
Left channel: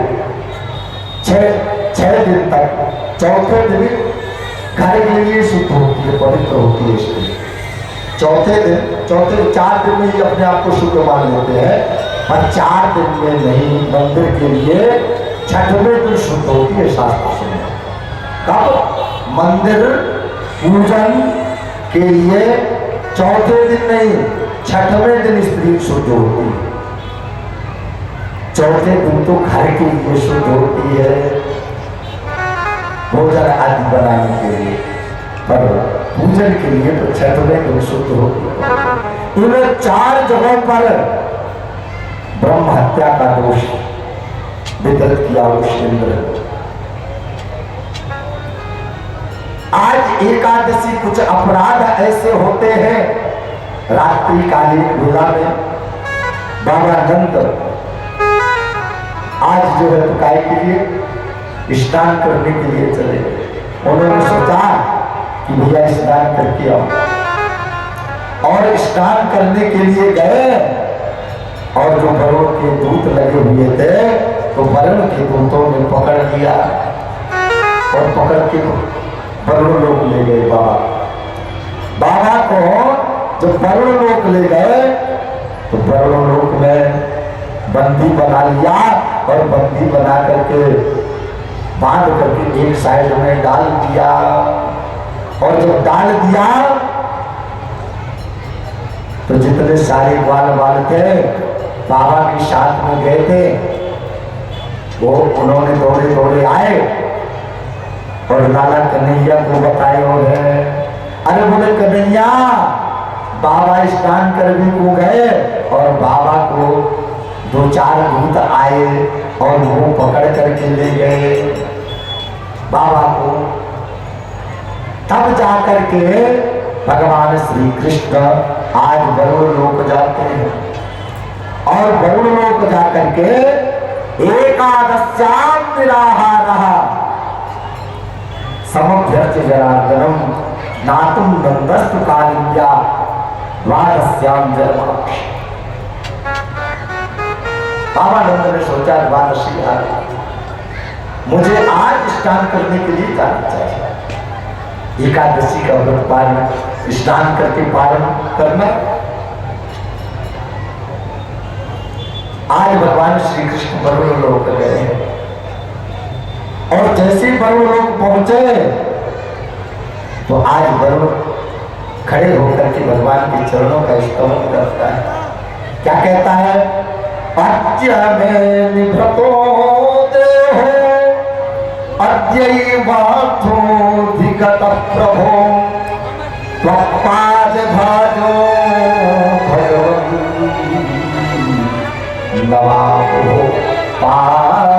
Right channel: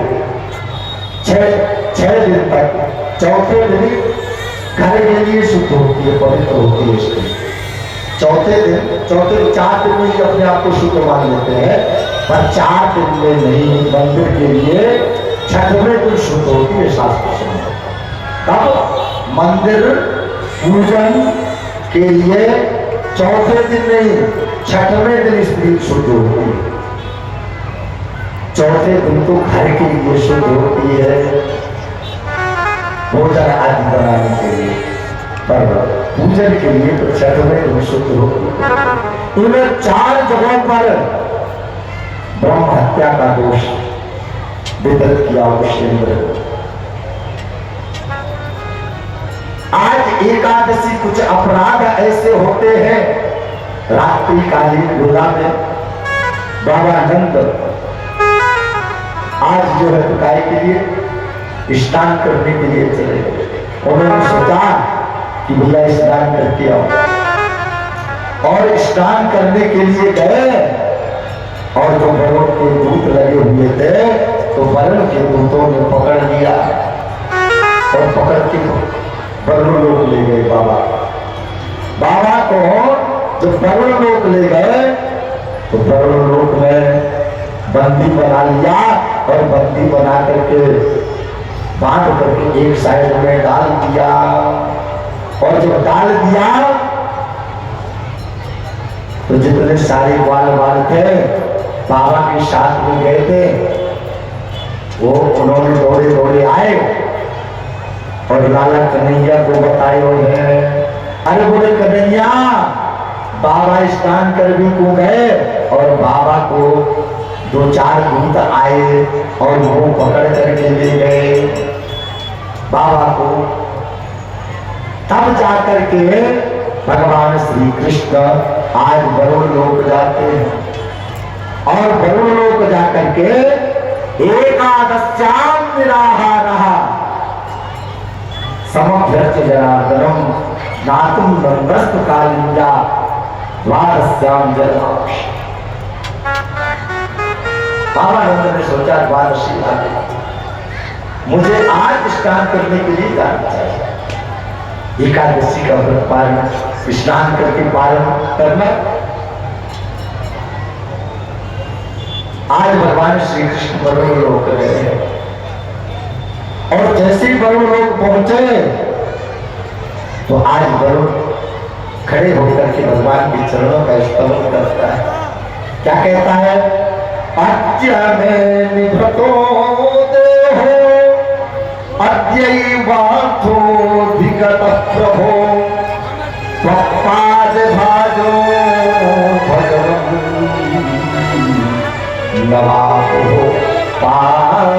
6 दिन तक, चौथे दिन घर के लिए शुद्ध होती है, पवित्र होती है स्त्री। चौथे 4 दिन में ही अपने आप को शुद्ध मान लेते हैं, पर 4 दिन में नहीं। मंदिर के लिए 6वें दिन शुद्ध होती है शास्त्र से। तब मंदिर पूजन के लिए 4थे दिन नहीं, 6वें दिन स्त्री शुद्ध होती है। 4थे दिन तो घर के लिए शुद्ध होती है, भोजन आदि बनाने के लिए, पर पूजन के लिए तो 6वें दिन शुद्ध होती है। इन्हें 4 जगहों पर ब्रह्म हत्या का दोष वितरित किया उस इंद्र। आज एकादशी कुछ अपराध ऐसे होते हैं, रात्रि कालीन बेला में बाबा नंद आज जो है तो काय के लिए स्नान करने के लिए चले। उन्होंने सोचा कि भैया स्नान करके आओ, और स्नान करने के लिए गए, और जो वरुण के दूत लगे हुए थे तो वरुण के दूतों ने पकड़ लिया और पकड़ के वरुण लोक ले गए। बाबा को जब वरुण लोक ले गए तो वरुण लोक में बंदी बना लिया, और बंदी बना करके बांध करके एक साइड में डाल दिया। और जब डाल दिया तो जितने सारे ग्वाल थे बाबा के साथ में गए थे, वो उन्होंने दौड़े दौड़े आए और लाला कन्हैया को बताए और है। अरे बोले कन्हैया, बाबा स्नान कर भी को गए और बाबा को 2-4 दूत आए और वो पकड़ करके ले गए बाबा को। तब जाकर के भगवान श्री कृष्ण आज वरुण लोक जाते हैं, और वरुण लोक जाकर के एकादश्याम निराहारः समभ्यर्च्य जनार्दनम नातुम नंदस्तु कालिंजा द्वादश्याम जन्माक्षि। बाबा नंद ने सोचा द्वादशी आ गई, मुझे आज स्नान करने के लिए जाना चाहिए। एकादशी का व्रत पालन, स्नान करके पालन करना। आज भगवान श्री कृष्ण वरुण लोक गए, और जैसे ही वरुण लोक पहुंचे तो आज वरुण खड़े होकर के भगवान के चरणों का स्तवन करता है। क्या कहता है? अद्य में निभतो देहो अद्यैवार्थोऽधिगत प्रभो त्वत्पाद भाजो भगवन् नमामो पार्वतीवदा।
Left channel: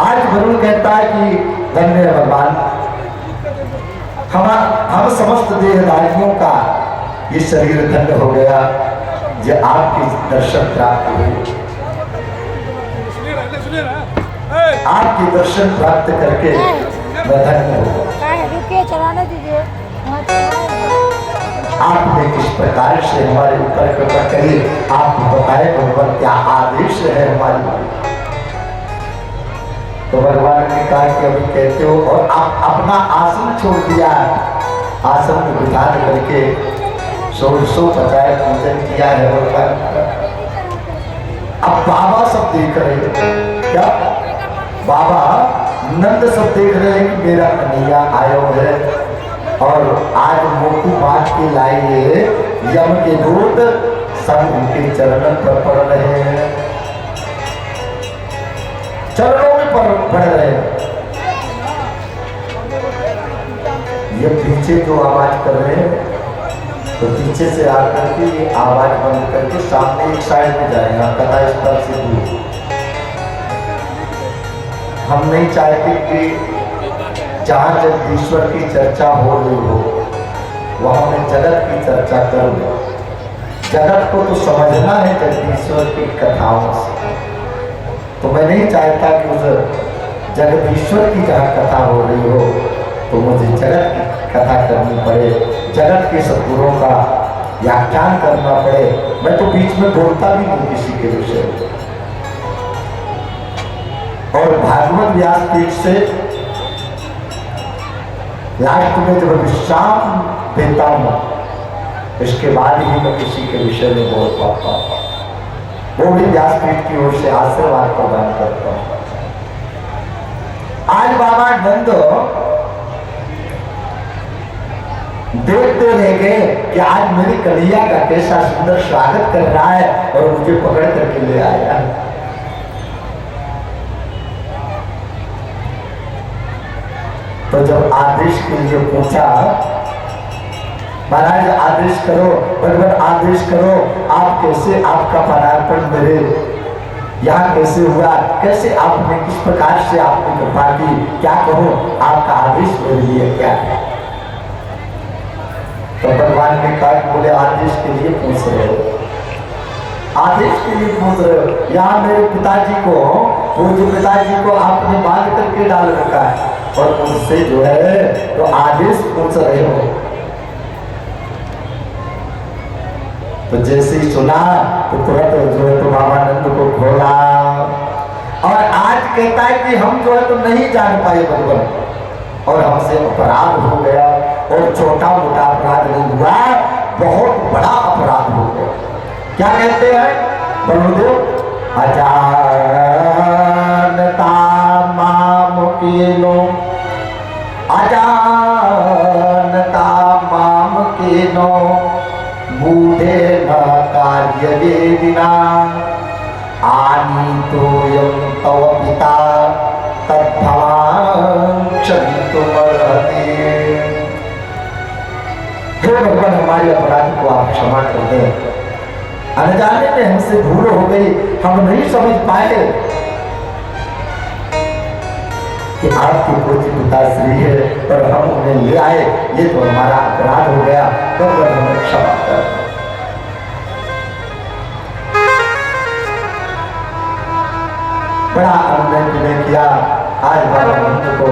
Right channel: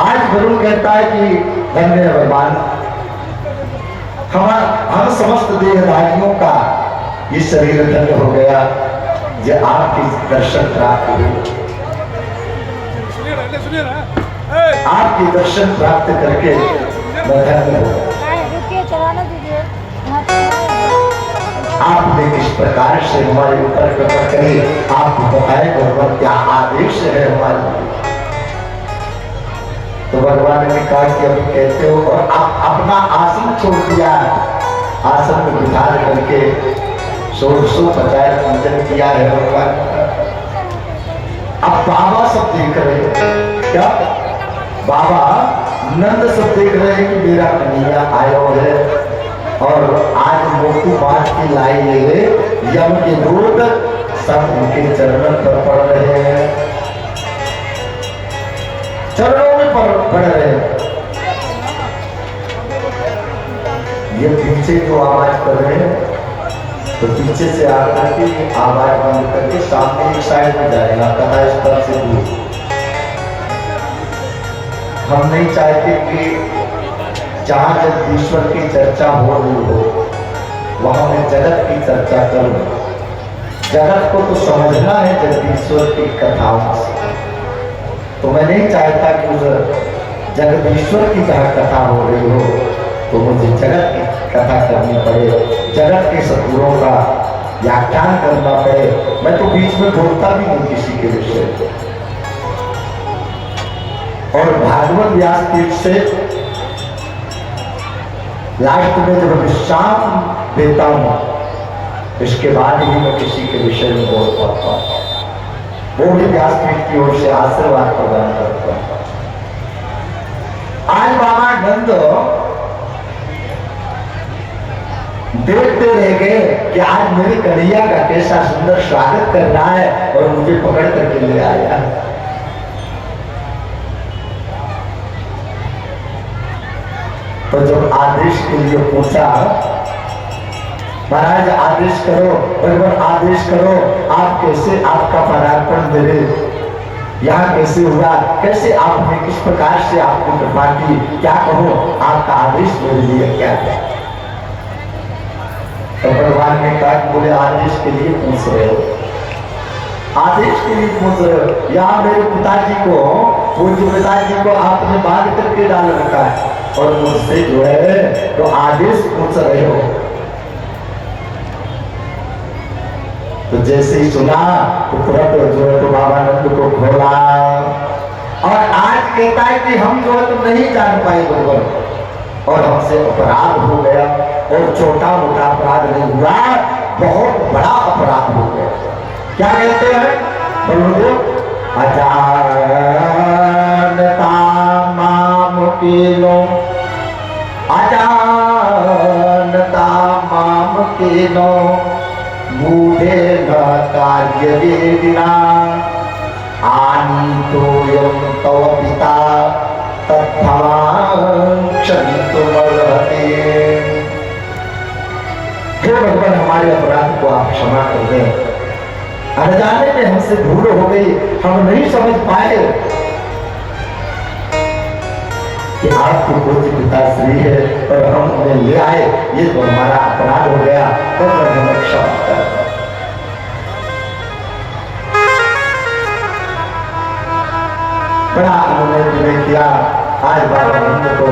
आज गुरु कहता है कि धन्य भगवान, हम समस्त देहधारियों का ये शरीर धन्य हो गया जो आपके दर्शन प्राप्त हुए। आपके दर्शन प्राप्त करके धन्य हो। आपने किस प्रकार से हमारे ऊपर कृपा करी, आप बताए भगवान क्या आदेश है हमारे। तो भगवान ने कहा कि अभी कहते हो, और आप अपना आसन छोड़ दिया, आसन में बिठा करके 150 पूजन किया है भगवान का। अब बाबा सब देख रहे हैं, क्या बाबा नंद सब देख रहे हैं कि मेरा कन्हैया आयो है, और आज मोटू बांट के लाए यम के दूत सब उनके चरणों पर पड़ रहे हैं, चरणों में पड़ रहे हैं। ये पीछे जो आवाज कर रहे हैं तो पीछे से आकर के आवाज बंद करके सामने एक साइड में जाएगा, कथा स्थल से दूर। हम नहीं चाहते कि जहाँ जगदीश्वर की चर्चा हो रही हो वहां मैं जगत की चर्चा करूं। जगत को तो समझना है जगदीश्वर की कथाओं से, तो मैं नहीं चाहता कि उस जगदीश्वर की जहाँ कथा हो रही हो तो मुझे जगत की कथा करनी पड़े, जगत के सद्गुणों का व्याख्यान करना पड़े। मैं तो बीच में बोलता भी नहीं किसी के विषय। और भागवत व्यासपीठ से लास्ट में जब विश्राम देता हूँ, इसके बाद ही मैं किसी के विषय में बोल पाता हूँ। वो भी व्यासपीठ की ओर से आशीर्वाद प्रदान करता हूँ। आज बाबा नंद देखते रह गए कि आज मेरी कन्हैया का कैसा सुंदर स्वागत कर रहा है, और मुझे पकड़ करके ले आया। तो जब आदेश के लिए पूछा महाराज आदेश करो, भगवान आदेश करो, आप कैसे आपका पदार्पण करे, यहाँ कैसे हुआ, कैसे आपने किस प्रकार से आपकी कृपा की, क्या करो, आपका आदेश मेरे लिए क्या है। तो भगवान ने कहा बोले आदेश के लिए पूछ रहे हो, आदेश के लिए पूछ रहे हो। यहाँ मेरे पिताजी को, वो जो पिताजी को आपने बांध करके डाल रखा है, और मुझसे जो है तो आदेश पूछ रहे हो। तो जैसे ही सुना तो तुरंत जो है तो बाबा नंद को खोला, और आज कहता है कि हम जो है तो नहीं जान पाए भगवान, और हमसे अपराध हो गया, और छोटा मोटा अपराध नहीं हुआ, बहुत बड़ा अपराध हो गया। क्या कहते हैं बलदेव, अजानता माम कीनो, अजानता माम कीनो, मूढ़े न कार्य वेदिना, आनी तो यम तव पिता तत्क्षन्तुमर्हति। हे भगवान, हमारे अपराध को आप क्षमा कर दें, अनजाने में हमसे भूल हो गई, हम नहीं समझ पाए कि आपकी पूज्य पिताश्री है और हम उन्हें ले आए, ये तो हमारा अपराध हो गया, तो हमें क्षमा कर। बड़ा अनुनय तुमने किया, आज बाबा नंद को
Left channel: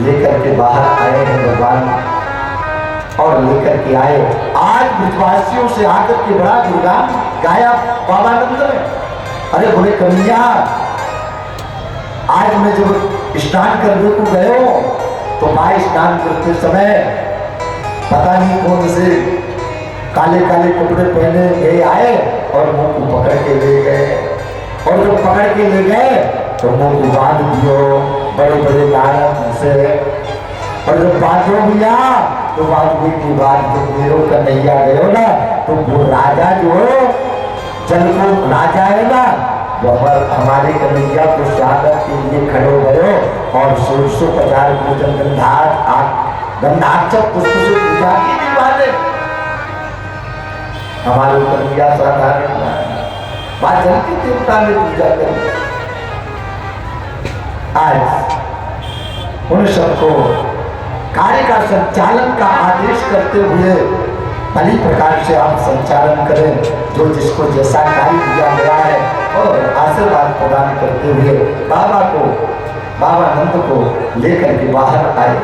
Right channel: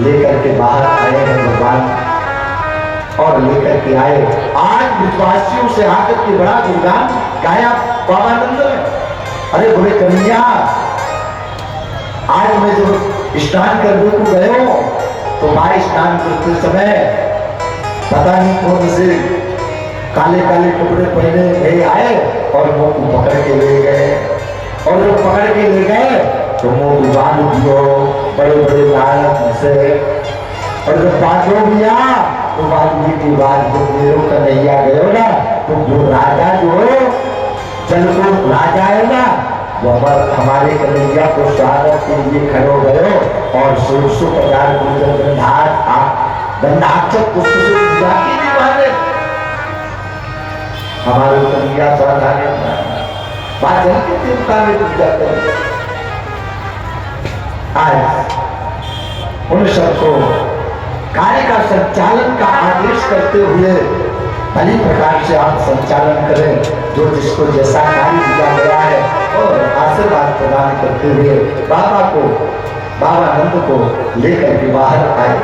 लेकर के बाहर आए हैं भगवान, और लेकर के आए। आज विश्वासियों से आकर के बड़ा गुणगान गाया बाबा नंद ने। अरे बोले कन्हैया, आज मैं जब स्नान करने को गए हो तो भाई स्नान करते समय पता नहीं कौन से काले काले कपड़े पहने ले आए और मुंह को पकड़ के ले गए, और जब पकड़ के ले गए तो मुंह को बांध दियो बड़े बड़े लाल से, और जब बांधो भैया तो बांधने की बात जो मेरो कन्हैया गयो ना, तो वो राजा जो जलपुर राजा है ना, वो हमारे कन्हैया को स्वागत के लिए खड़े हो गए, और 1650 पूजन गंधाक्षर पुष्प से पूजा की दीवाने। हमारे कन्हैया साधारण बात जलती देवता में पूजा करें। आज उन सबको कार्य का संचालन का आदेश करते हुए भली प्रकार से आप संचालन करें, जो जिसको जैसा कार्य दिया गया है, और आशीर्वाद प्रदान करते हुए बाबा को, बाबा नंद को लेकर के बाहर आए।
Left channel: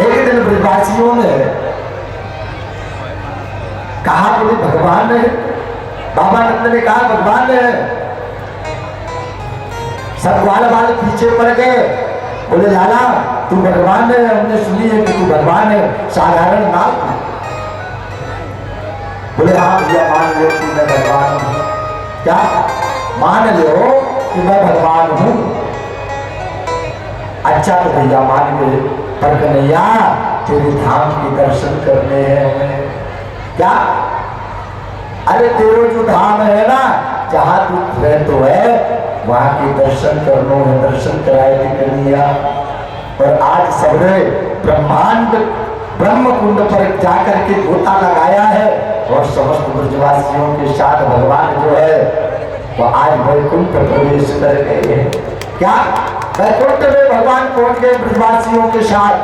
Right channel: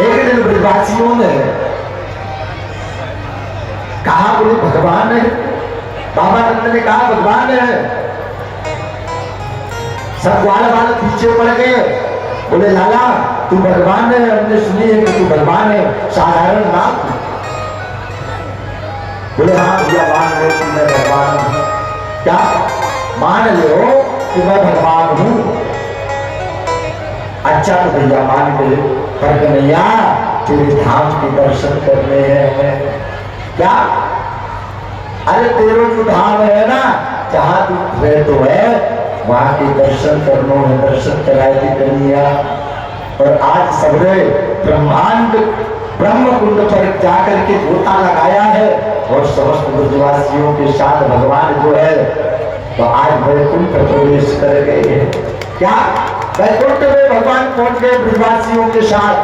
एक दिन ब्रजवासियों ने कहा बोले भगवान है, बाबा नंद ने कहा भगवान है। सब वाले पीछे पड़ गए, बोले लाला तू भगवान है, हमने सुनी है कि तू भगवान है, साधारण नाम। बोले हाँ भैया मान लो कि मैं भगवान हूँ। क्या मान लो कि मैं भगवान हूँ? अच्छा तो भैया मान गए, पर कन्हैया तेरे धाम के दर्शन करने हैं हमें। क्या? अरे तेरे जो धाम है ना, जहाँ तू रहते है वहां के दर्शन करनो है, दर्शन कराए भी कन्हैया। और आज सबरे ब्रह्मांड ब्रह्म कुंड पर जाकर के गोता लगाया है, और समस्त ब्रजवासियों के साथ भगवान जो है तो आज वैकुंठ प्रवेश कर गए हैं। क्या वैकुंठ में भगवान पहुंच गए ब्रजवासियों के साथ।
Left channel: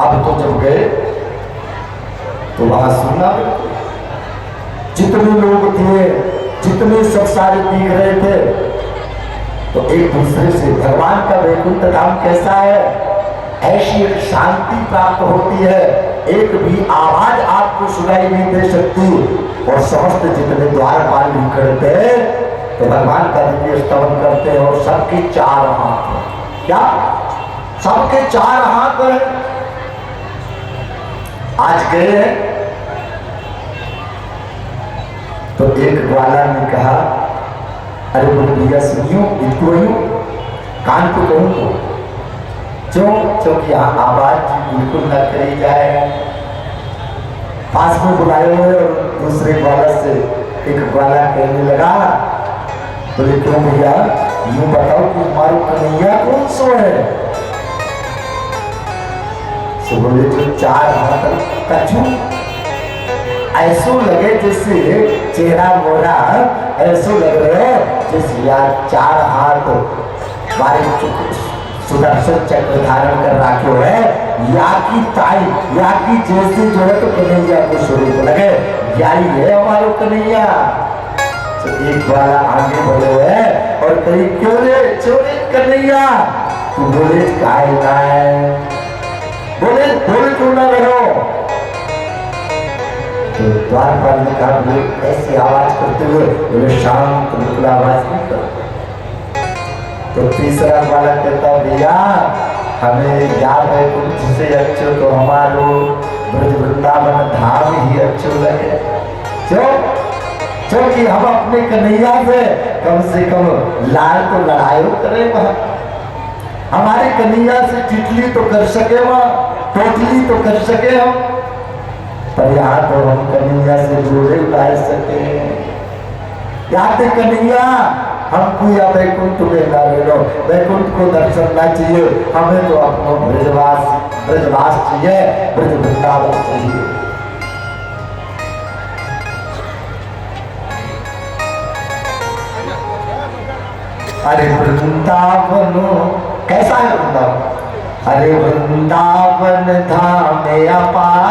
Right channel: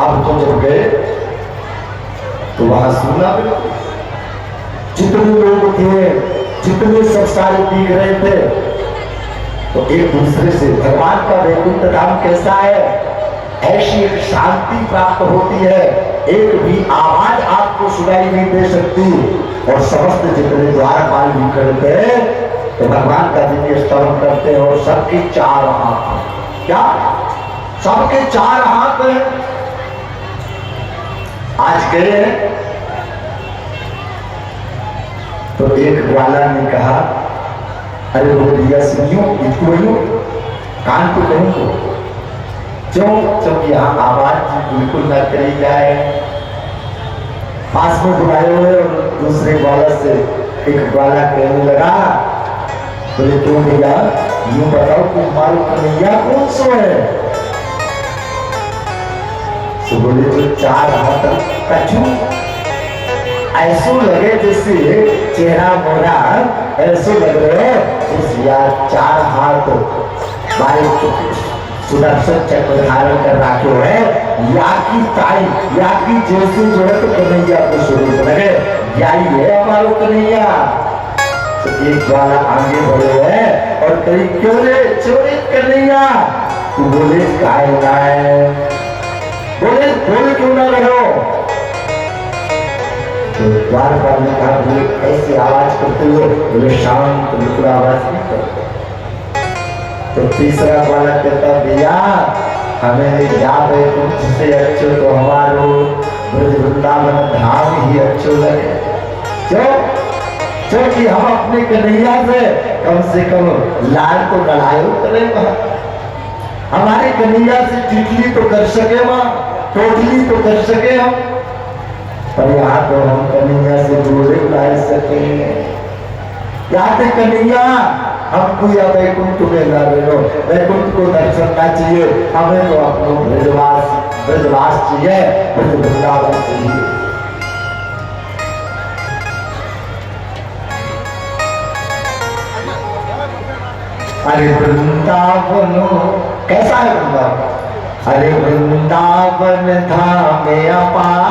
अब तो जब गए तो वहां सुना, जितने लोग थे, जितने सब सारे दिख रहे थे, तो एक दूसरे से भगवान का वैकुंठ धाम कैसा है, ऐसी एक शांति प्राप्त होती है, एक भी आवाज आपको सुनाई नहीं दे सकती, और समस्त जितने द्वारपाल भी करते हैं तो भगवान का दिव्य स्तवन करते हैं, और सबके 4 हाथ हैं। क्या? सबके 4 हाथ हैं। आज गए हैं तो एक ग्वाला ने कहा, अरे बोले भैया सुनियो, इनको कान पे कहूँ तो क्यों? क्योंकि यहाँ आवाज बिल्कुल न करी जाए। पास में बुलाए हुए, और दूसरे ग्वाला से एक ग्वाला कहने लगा, बोले क्यों भैया, यूं बताओ कि हमारे कन्हैया कौन सो है? तो बोले जो चार हाथ कछु ऐसो लगे जैसे चेहरा मोरा ऐसो लग रहे जैसे यार चार हाथ बारे सुदर्शन चक्र धारण कर रखे है या की ताई या की जैसी जरूरत कन्हैया को स्वरूप लगे यही है हमारो कन्हैया। तो एक वाला आगे बढ़े हुए और कहीं क्यों रे चोरी कन्हैया तू बोले काय ना बोले क्यों ना रहे हो। तो द्वारपाल ने कहा बोले ऐसी आवाज करते हुए बोले शांत बिल्कुल आवाज नहीं करते। तो तीसरा वाला कहता भैया हमें याद है तुम से अच्छे तो हमारो वृंदावन धाम ही अच्छो लगे क्यों क्योंकि हम अपने कन्हैया से कम लाल तो लड़ाई करेगा हमारे कन्हैया से टिटली तो कर सके वहां टोटली तो कर सके हम पर यहाँ तो हम कन्हैया से दूर ला सके यहाँ पे कन्हैया हमको या वैकुंठ में ना रहो वैकुंठ को दर्शन ना चाहिए हमें तो अपना ब्रजवास चाहिए ब्रज वृंदावन चाहिए। अरे वृंदावन कैसा है वृंदावन अरे वृंदावन धाम अपार